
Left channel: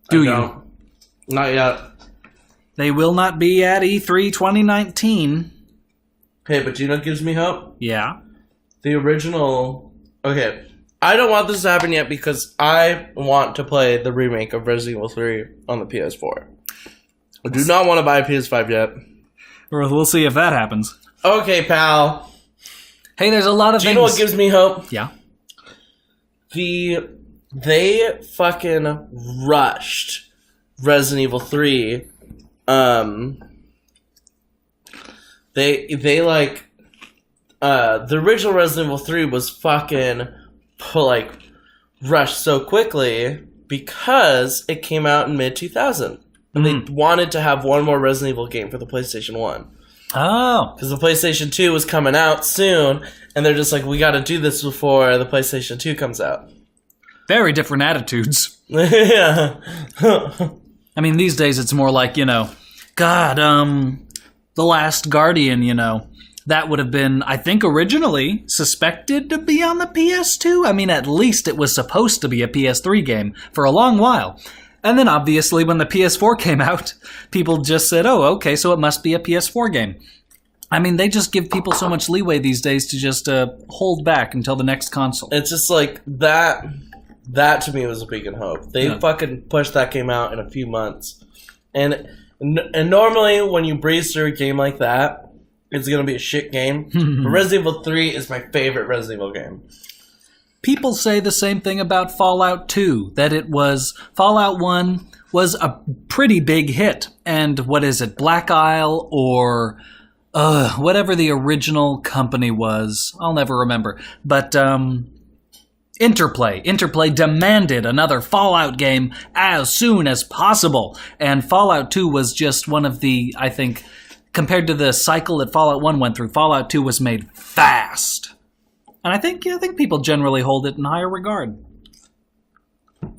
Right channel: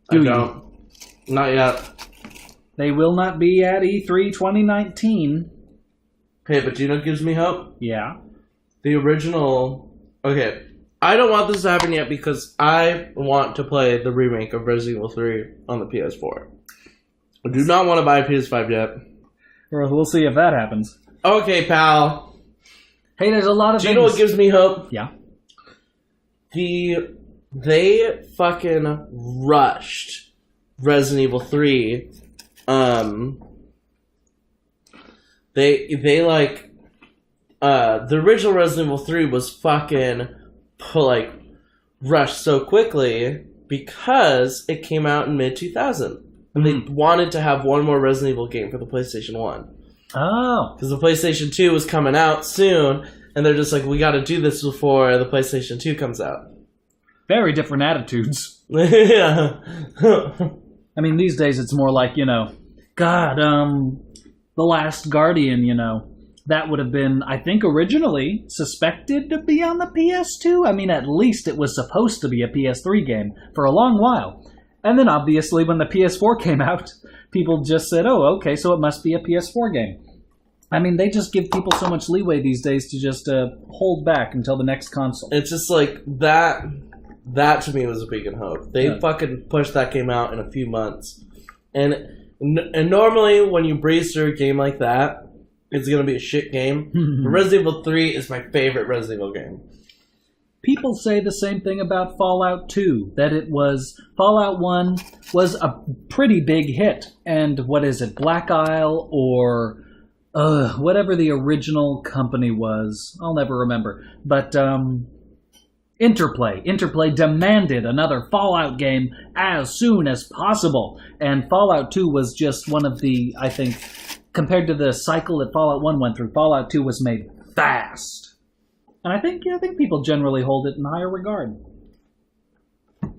do you? Not yet. They will not be at E3 2019. Hey, but you know what gives me hope? Yeah. The original... Okay, I don't want this to happen yet because I want to play the remake of Resident Evil 3 on the PS4. I do not want to buy a PS5 yet. We'll see if that happens. Okay, pal. Hey, there's a lot of things. Do you know what gives me hope? Yeah. They fucking rushed Resident Evil 3. They like... the original Resident Evil 3 was fucking, like, rushed so quickly because it came out in mid-2000. And they wanted to have one more Resident Evil game for the PlayStation 1. Oh. Because the PlayStation 2 was coming out soon, and they're just like, we gotta do this before the PlayStation 2 comes out. Very different attitudes. Yeah. I mean, these days it's more like, God, The Last Guardian, that would have been, I think, originally suspected to be on the PS2. I mean, at least it was supposed to be a PS3 game for a long while. And then, obviously, when the PS4 came out, people just said, oh, okay, so it must be a PS4 game. I mean, they just give people so much leeway these days to just hold back until the next console. It's just like, that to me was a beacon of hope. They fucking pushed that game out in a few months. And normally, when you breeze through a game like that, it's going to be a shit game. But Resident Evil 3 is my favorite Resident Evil game. People say the same thing about Fallout 2, that Fallout 1 was a pretty big hit. And what is it, Black Isle or whatever the original company was, I'll never remember. But Interplay demanded another Fallout game as soon as possible. And Fallout 2 was just one of the, I think, compared to the cycle that Fallout 1 went through, Fallout 2 was made fast. And I think people generally hold it in higher regard.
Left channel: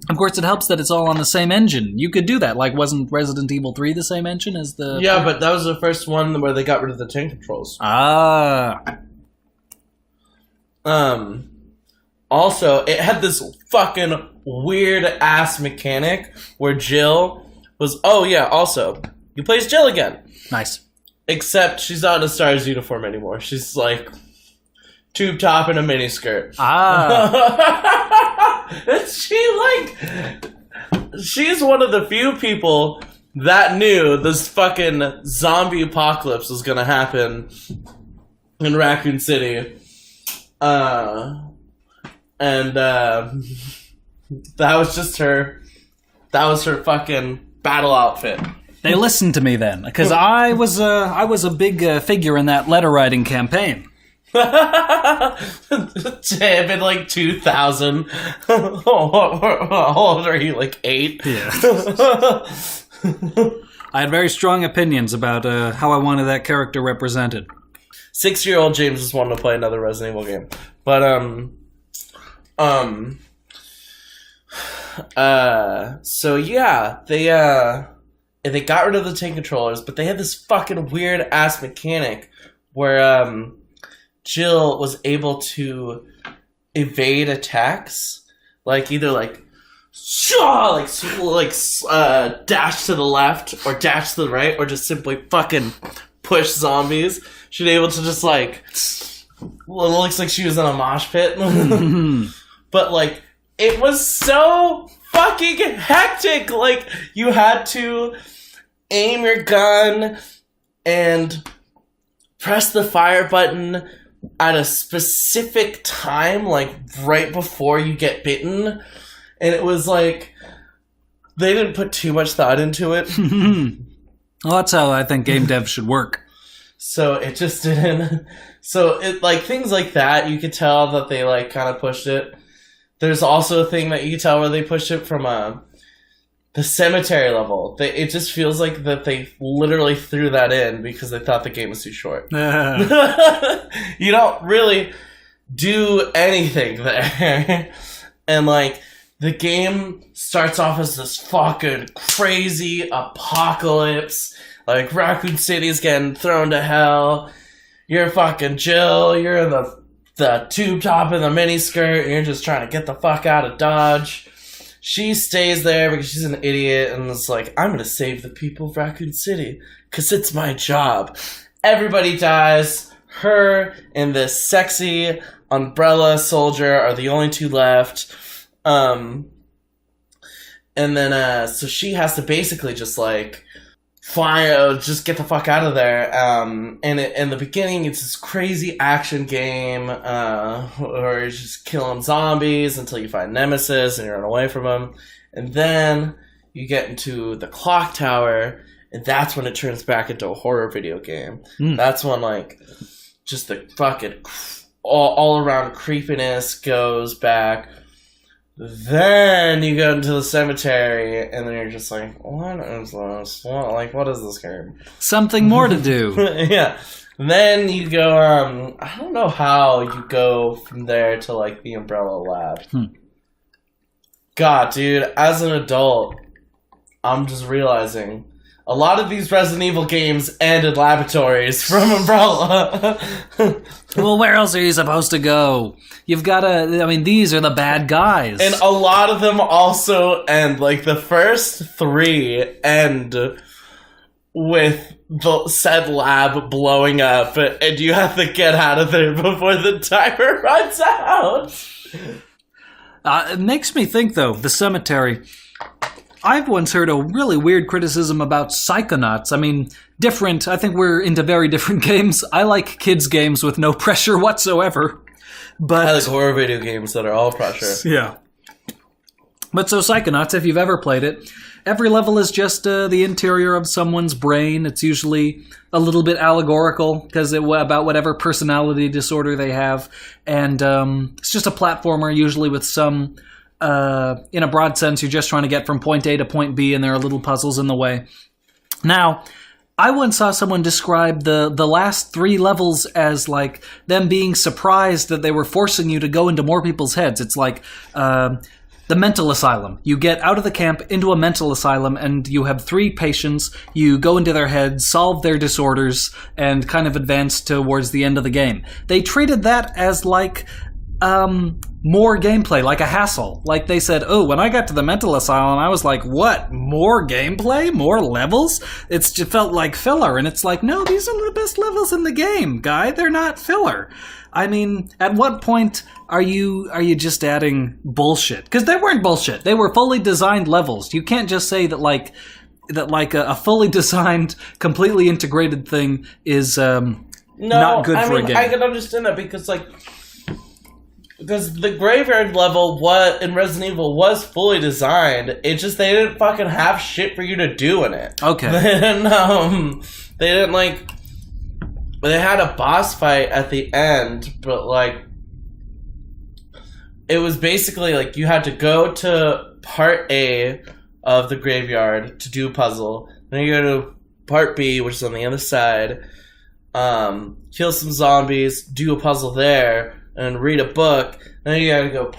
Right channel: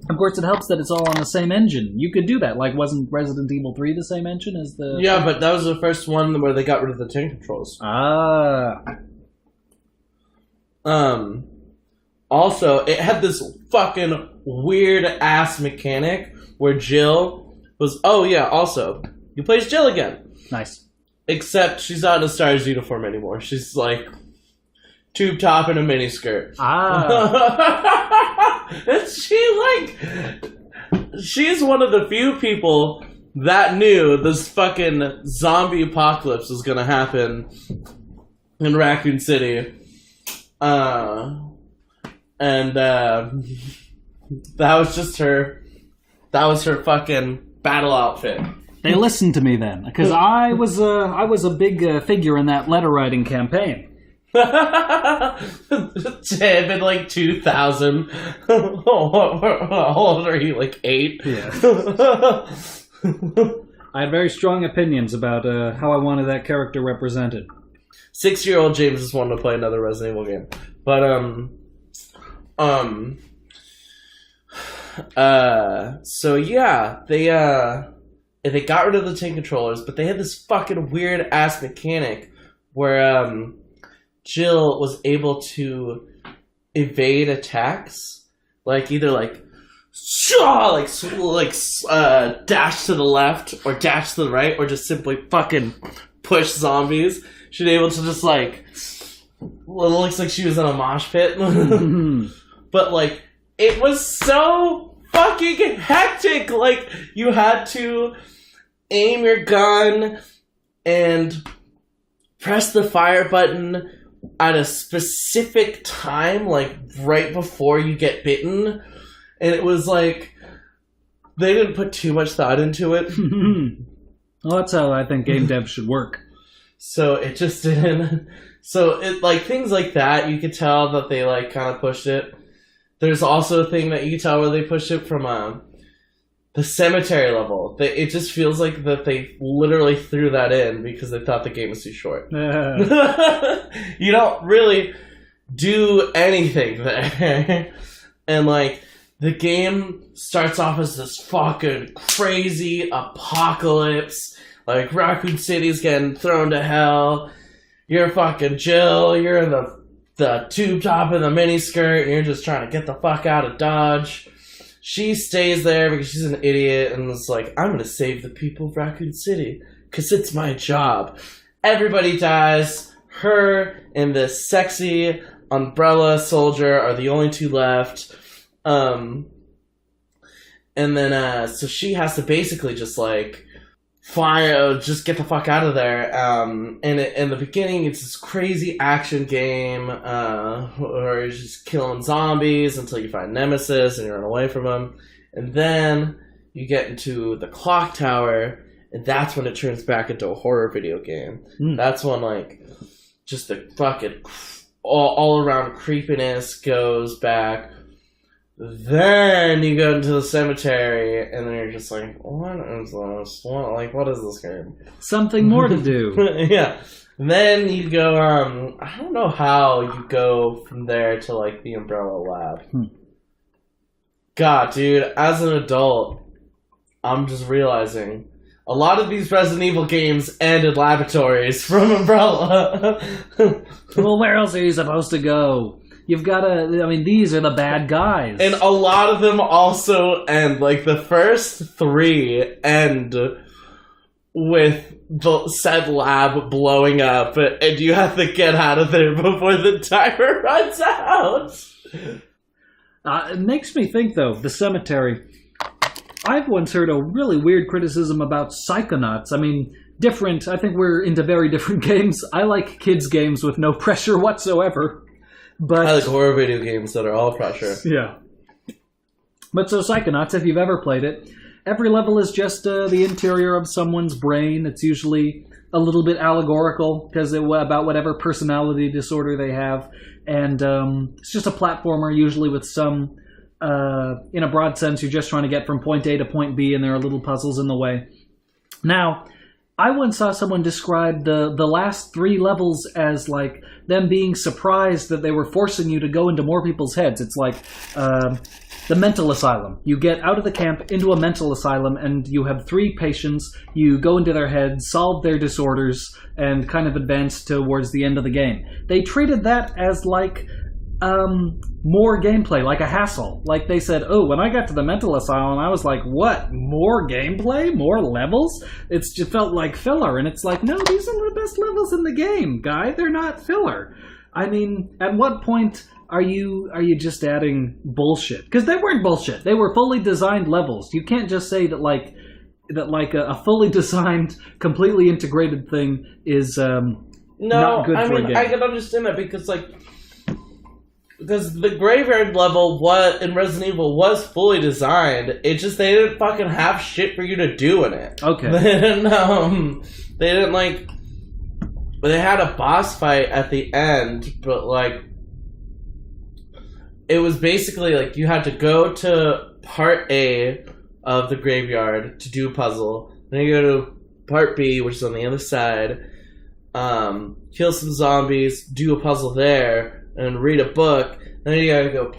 Of course, it helps that it's all on the same engine. You could do that. Like, wasn't Resident Evil 3 the same engine as the... Yeah, but that was the first one where they got rid of the tank controls. Ah. Also, it had this fucking weird-ass mechanic where Jill was... Oh, yeah, also, you play as Jill again. Nice. Except she's not in a STARS uniform anymore. She's, like, tube top and a mini skirt. She's one of the few people that knew this fucking zombie apocalypse was gonna happen in Raccoon City. And that was just her. That was her fucking battle outfit. They listened to me then, because I was a big figure in that letter writing campaign. Tim in like 2000. How old are you? Like 8? Yeah. I had very strong opinions about how I wanted that character represented. 6-year-old James just wanted to play another Resident Evil game, but so yeah, they got rid of the tank controllers, but they had this fucking weird ass mechanic where Jill was able to evade attacks, like either dash to the left or dash to the right, or just simply fucking push zombies. She'd able to just it looks like she was in a mosh pit. But it was so fucking hectic. Like, you had to aim your gun and press the fire button at a specific time, right before you get bitten. And it was they didn't put too much thought into it. Well, that's how I think game devs should work. So it just didn't. So it things like that, you could tell that they kind of pushed it. There's also a thing that you can tell where they pushed it from the cemetery level. It just feels like that they literally threw that in because they thought the game was too short. You don't really do anything there. And the game starts off as this fucking crazy apocalypse. Raccoon City's getting thrown to hell. You're fucking Jill. You're in the tube top and the mini skirt. And you're just trying to get the fuck out of Dodge. She stays there because she's an idiot. And it's I'm going to save the people of Raccoon City because it's my job. Everybody dies. Her and this sexy umbrella soldier are the only two left. And then, so she has to basically just fly, just get the fuck out of there. And in the beginning, it's this crazy action game, where you're just killing zombies until you find Nemesis and you run away from them. And then you get into the clock tower, and that's when it turns back into a horror video game. That's when, just the fucking all around creepiness goes back. Then you go into the cemetery, and then you're just what is this? What is this game? Something more to do. Yeah. Then you go, I don't know how you go from there to, the Umbrella Lab. God, dude, as an adult, I'm just realizing a lot of these Resident Evil games end in laboratories from Umbrella. Well, where else are you supposed to go? You've got to... these are the bad guys. And a lot of them also end, the first 3 end with the said lab blowing up, and you have to get out of there before the timer runs out. It makes me think, though, the cemetery... I've once heard a really weird criticism about Psychonauts. Different. I think we're into very different games. I like kids' games with no pressure whatsoever. But I like horror video games that are all pressure. Yeah. But so Psychonauts, if you've ever played it, every level is just the interior of someone's brain. It's usually a little bit allegorical because about whatever personality disorder they have. And it's just a platformer, usually with some... in a broad sense, you're just trying to get from point A to point B, and there are little puzzles in the way. Now, I once saw someone describe the last 3 levels as them being surprised that they were forcing you to go into more people's heads. It's the mental asylum. You get out of the camp into a mental asylum, and you have 3 patients. You go into their heads, solve their disorders, and kind of advance towards the end of the game. They treated that as more gameplay, like a hassle. They said, oh, when I got to the mental asylum, I was like, what? More gameplay? More levels? It just felt like filler. And it's no, these are the best levels in the game, guy. They're not filler. I mean, at what point are you just adding bullshit? Because they weren't bullshit. They were fully designed levels. You can't just say that a fully designed, completely integrated thing is not good for a game. I can understand that because the graveyard level in Resident Evil was fully designed. It just they didn't fucking have shit for you to do in it. Okay. They didn't they had a boss fight at the end, but it was basically you had to go to part A of the graveyard to do a puzzle. Then you go to part B, which is on the other side, kill some zombies, do a puzzle there, and read a book. Then you gotta go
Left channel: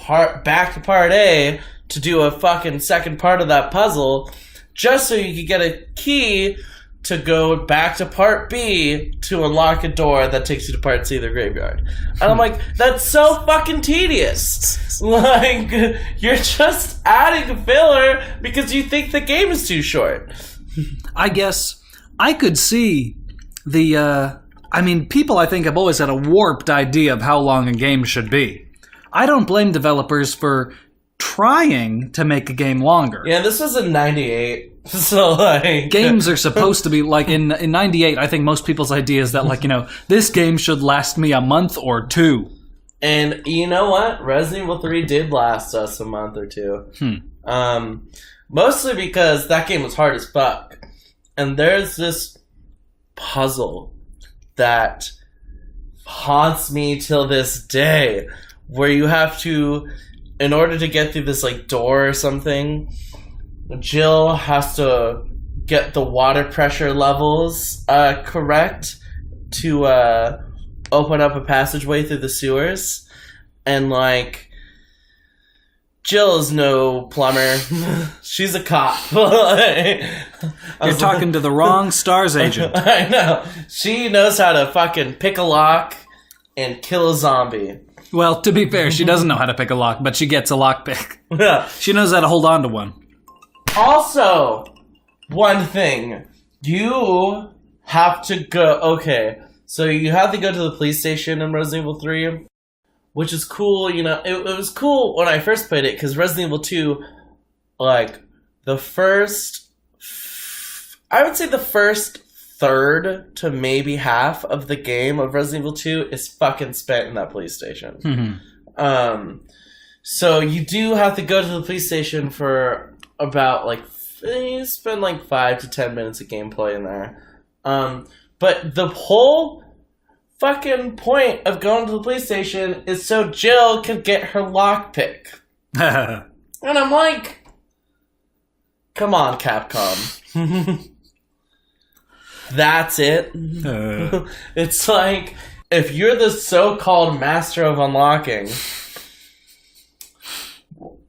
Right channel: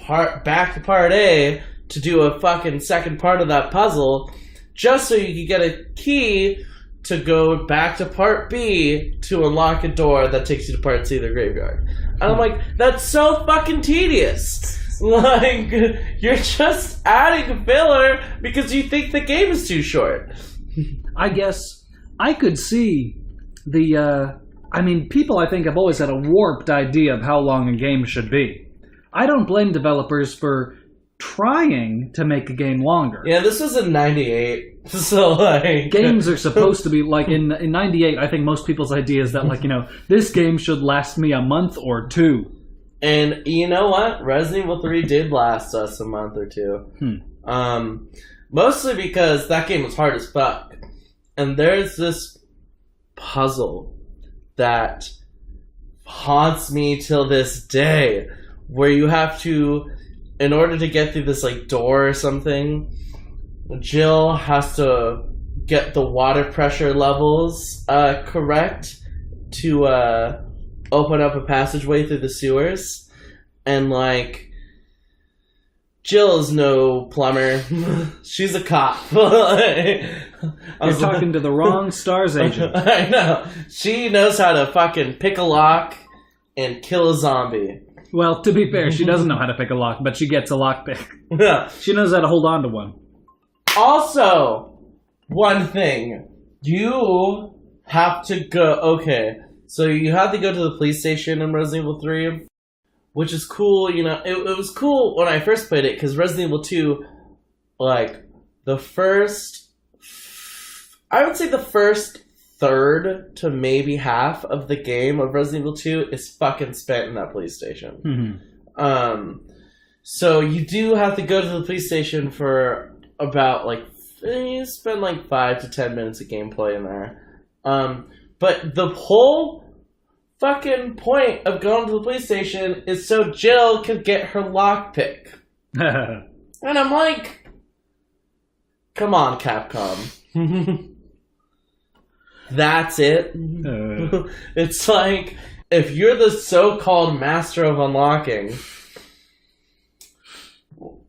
back to part A to do a fucking second part of that puzzle, just so you could get a key to go back to part B to unlock a door that takes you to part C of the graveyard. And I'm like, that's so fucking tedious. You're just adding filler because you think the game is too short. I guess I could see the... people, I think, have always had a warped idea of how long a game should be. I don't blame developers for trying to make a game longer. Yeah, this was in 98, so games are supposed to be, in 98, I think most people's idea is that, this game should last me a month or two. And you know what? Resident Evil 3 did last us a month or two. Mostly because that game was hard as fuck. And there's this puzzle that haunts me till this day, where you have to, in order to get through this door or something, Jill has to get the water pressure levels correct to open up a passageway through the sewers. And Jill's no plumber. She's a cop. You're talking to the wrong STARS agent. I know. She knows how to fucking pick a lock and kill a zombie. Well, to be fair, she doesn't know how to pick a lock, but she gets a lockpick. Yeah. She knows how to hold on to one. Also, one thing. You have to go... Okay, so you have to go to the police station in Resident Evil 3, which is cool. It was cool when I first played it, because Resident Evil 2, the first... I would say the first third to maybe half of the game of Resident Evil 2 is fucking spent in that police station. Mm-hmm. So you do have to go to the police station for about you spend 5 to 10 minutes of gameplay in there. But the whole fucking point of going to the police station is so Jill can get her lockpick. And I'm like, come on, Capcom. That's it. It's if you're the so-called master of unlocking,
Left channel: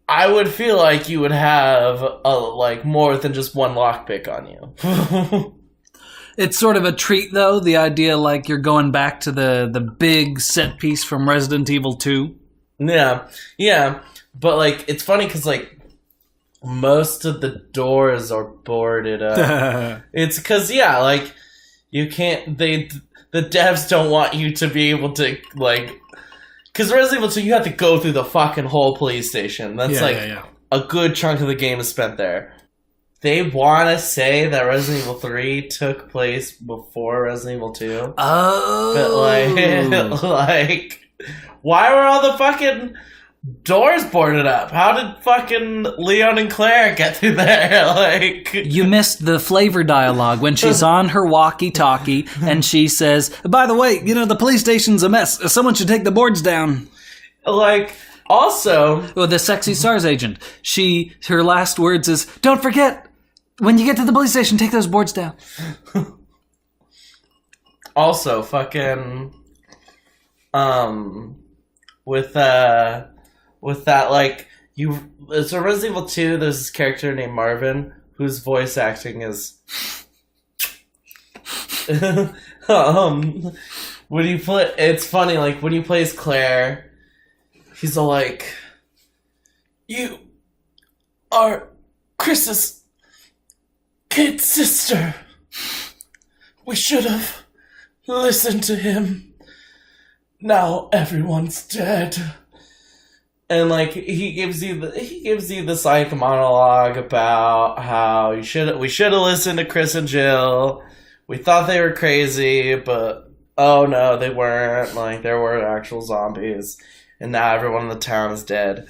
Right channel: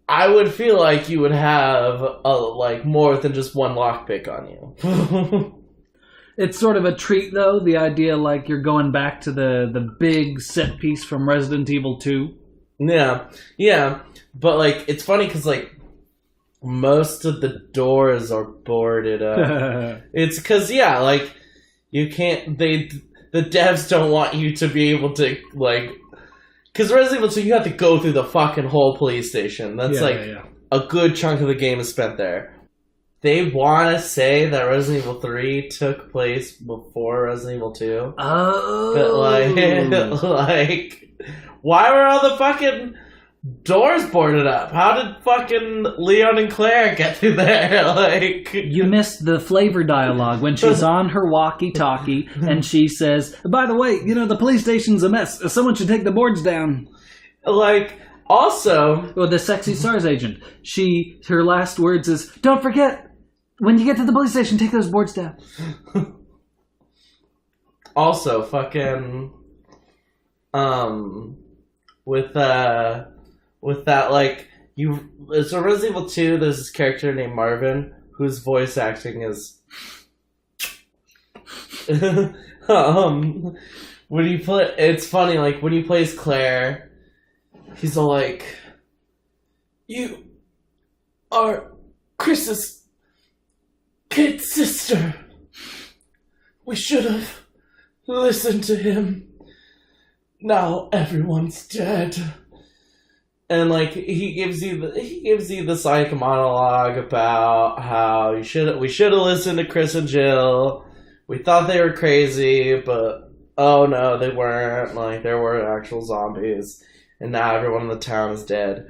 I would feel like you would have more than just one lockpick on you. It's sort of a treat, though, the idea you're going back to the big set piece from Resident Evil 2. Yeah. But it's funny because most of the doors are boarded up. It's because you can't. The devs don't want you to be able to because Resident Evil 2 you have to go through the fucking whole police station. That's a good chunk of the game is spent there. They want to say that Resident Evil 3 took place before Resident Evil 2. Oh, but why were all the fucking doors boarded up? How did fucking Leon and Claire get through there? You missed the flavor dialogue when she's on her walkie-talkie and she says, by the way, the police station's a mess. Someone should take the boards down. Also... Well, the sexy STARS agent. Her last words is, don't forget, when you get to the police station, take those boards down. Also, fucking... With that, so Resident Evil 2, there's this character named Marvin, whose voice acting is... it's funny, when he plays Claire, he's all you are Chris's kid sister. We should have listened to him. now everyone's dead. And like he gives you this like monologue about how we should have listened to Chris and Jill. We thought they were crazy, but oh no, they weren't. Like there were actual zombies, and now everyone in the town is dead.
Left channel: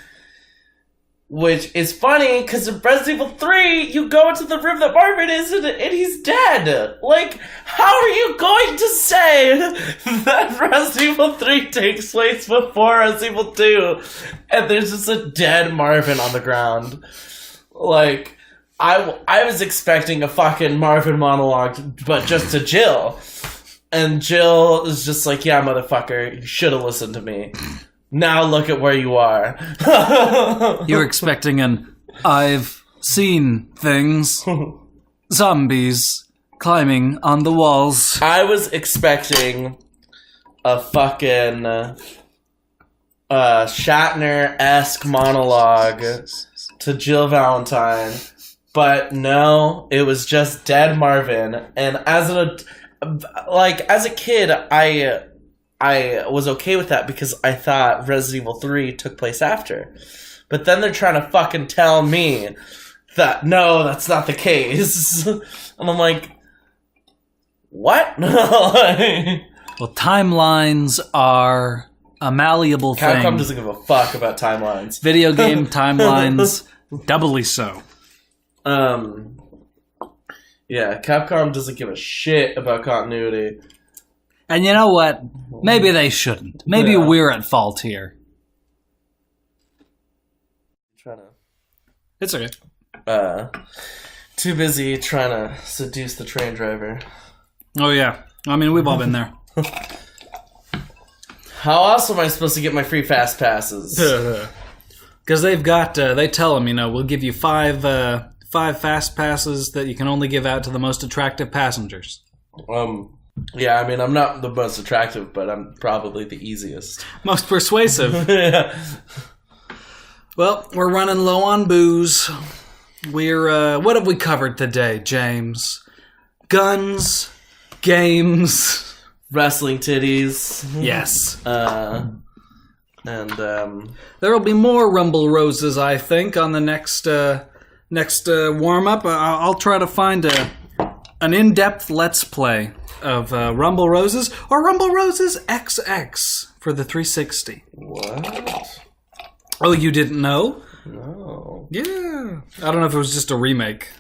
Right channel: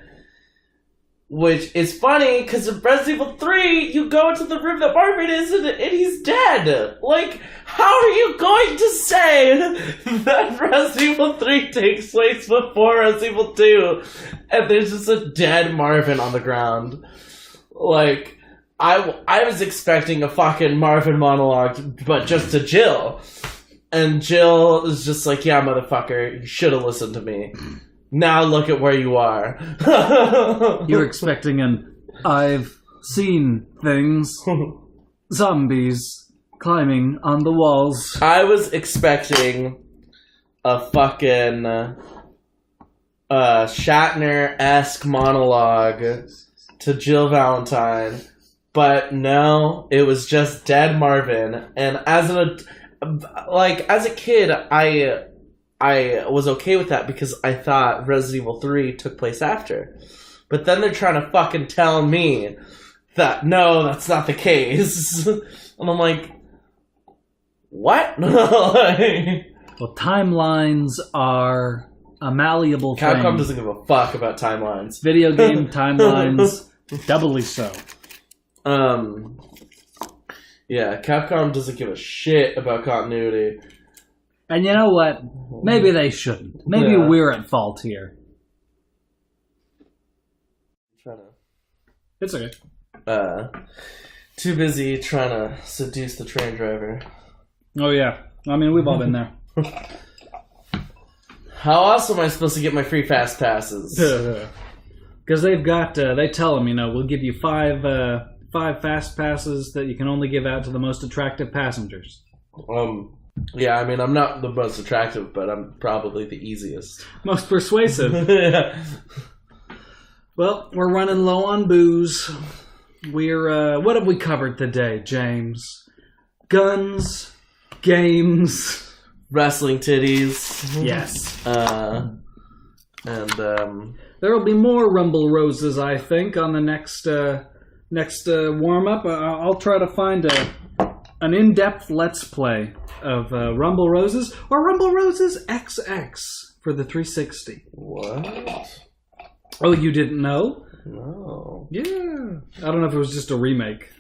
Which is funny because in Resident Evil 3, you go into the room that Marvin is in and he's dead. Like, how are you going to say that Resident Evil 3 takes place before Resident Evil 2 and there's just a dead Marvin on the ground? Like, I was expecting a fucking Marvin monologue, but just to Jill. And Jill is just like, yeah, motherfucker, you should have listened to me. Now look at where you are. You're expecting an I've seen things. Zombies climbing on the walls. I was expecting a fucking Shatner-esque monologue to Jill Valentine. But no, it was just dead Marvin. And as a kid, I was okay with that because I thought Resident Evil 3 took place after. But then they're trying to fucking tell me that, no, that's not the case. And I'm like, what? Well, timelines are a malleable thing. Capcom doesn't give a fuck about timelines. Video game timelines, doubly so. Yeah, Capcom doesn't give a shit about continuity. And you know what? Maybe they shouldn't. Maybe we're at fault here. It's okay. Too busy trying to seduce the train driver. Oh yeah. I mean, we've all been there. How else am I supposed to get my free fast passes? Because they've got, they tell them, we'll give you five fast passes that you can only give out to the most attractive passengers. Yeah, I mean, I'm not the most attractive, but I'm probably the easiest. Most persuasive. Yeah. Well, we're running low on booze. We're, what have we covered today, James? Guns, games, wrestling titties. Yes. There will be more Rumble Roses, I think, on the next warm-up. I'll try to find an in-depth Let's Play of Rumble Roses, or Rumble Roses XX for the 360. What? Oh, you didn't know? No. Yeah. I don't know if it was just a remake.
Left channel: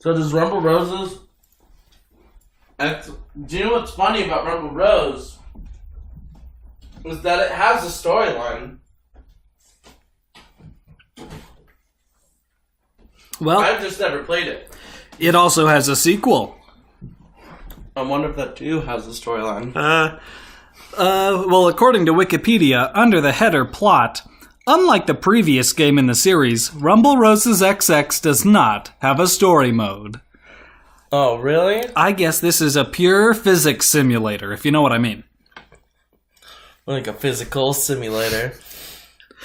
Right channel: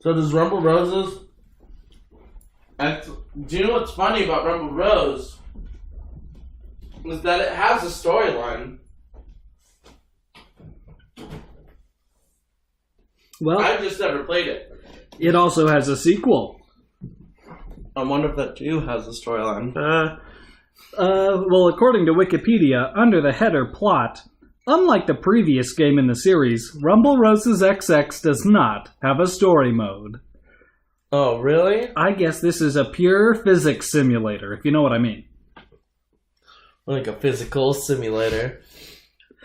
So does Rumble Roses... Do you know what's funny about Rumble Rose? Is that it has a storyline. Well, I've just never played it. It also has a sequel. I wonder if that too has a storyline. Well, according to Wikipedia, under the header plot, unlike the previous game in the series, Rumble Roses XX does not have a story mode. Oh, really? I guess this is a pure physics simulator, if you know what I mean. Like a physical simulator.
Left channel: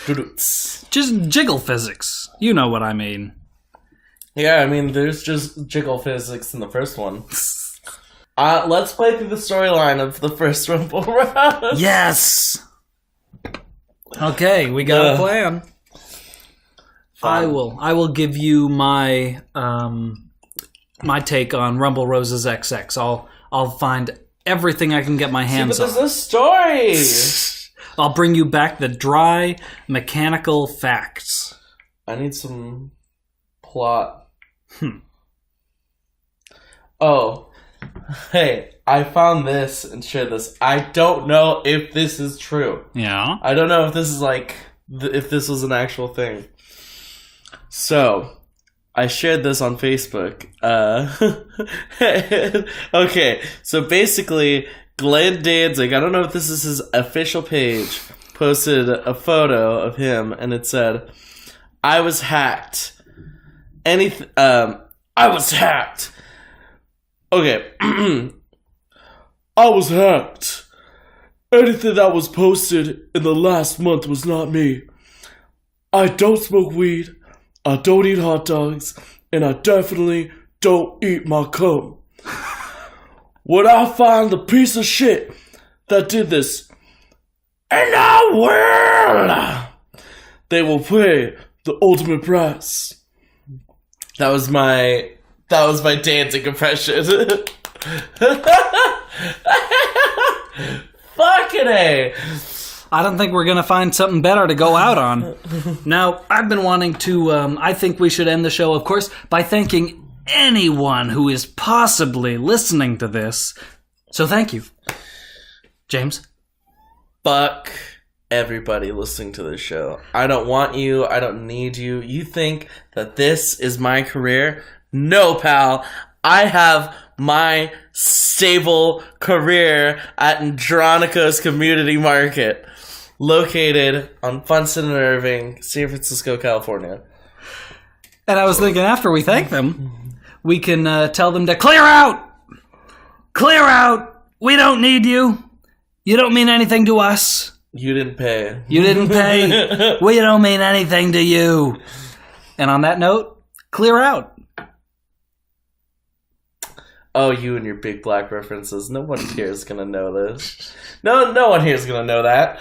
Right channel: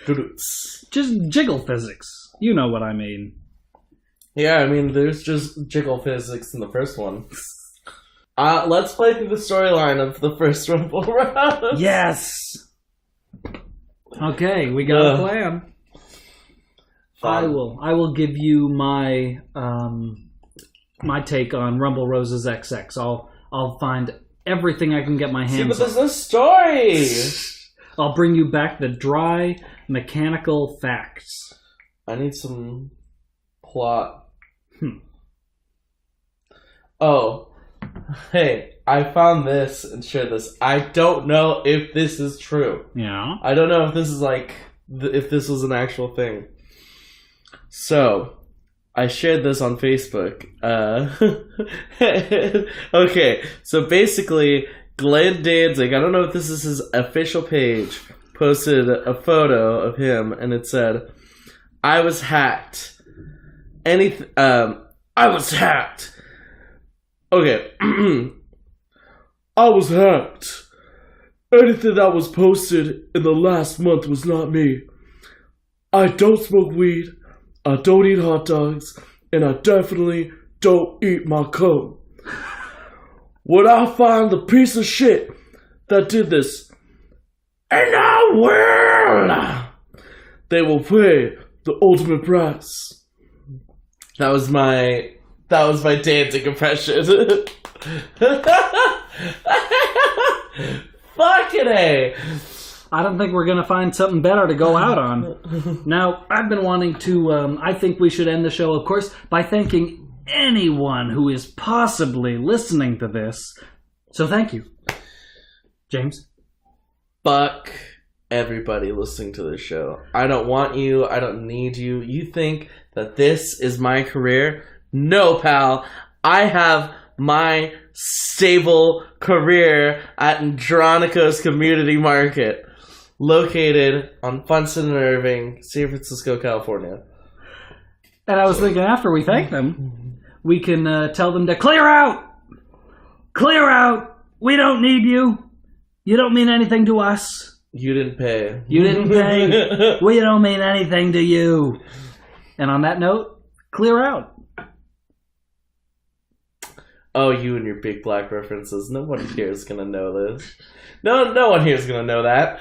Just jiggle physics. You know what I mean. Yeah, I mean, there's just jiggle physics in the first one. Let's play through the storyline of the first Rumble Rose. Yes! Okay, we got a plan. Fun. I will give you my my take on Rumble Roses XX. I'll find everything I can get my hands on. But there's no story! I'll bring you back the dry, mechanical facts. I need some plot. Oh. Hey, I found this and shared this. I don't know if this is true. Yeah? I don't know if this is like... if this was an actual thing. So... I shared this on Facebook. Okay, so basically, Glenn Danzig, I don't know if this is his official page, posted a photo of him, and it said, I was hacked. I was hacked. Okay. I was hacked. Anything that was posted in the last month was not me. I don't smoke weed. I don't eat hot dogs, and I definitely don't eat my cum. When I find the piece of shit that did this. In our world, they will pay the ultimate price. That was my Danzig impression. Fucking A. I don't think we're going to find something better to go out on. Now, I've been wanting to, I think we should end the show, of course, by thanking anyone who is possibly listening to this. So thank you. James? Fuck everybody listening to this show. I don't want you. I don't need you. You think that this is my career? No, pal. I have my stable career at Andronico's Community Market, located on Funston and Irving, San Francisco, California. And I was thinking after we thank them, we can tell them to clear out! Clear out! We don't need you. You don't mean anything to us. You didn't pay. You didn't pay. We don't mean anything to you. And on that note, clear out. Oh, you and your big black references. No one here is going to know this. No one here is going to know that.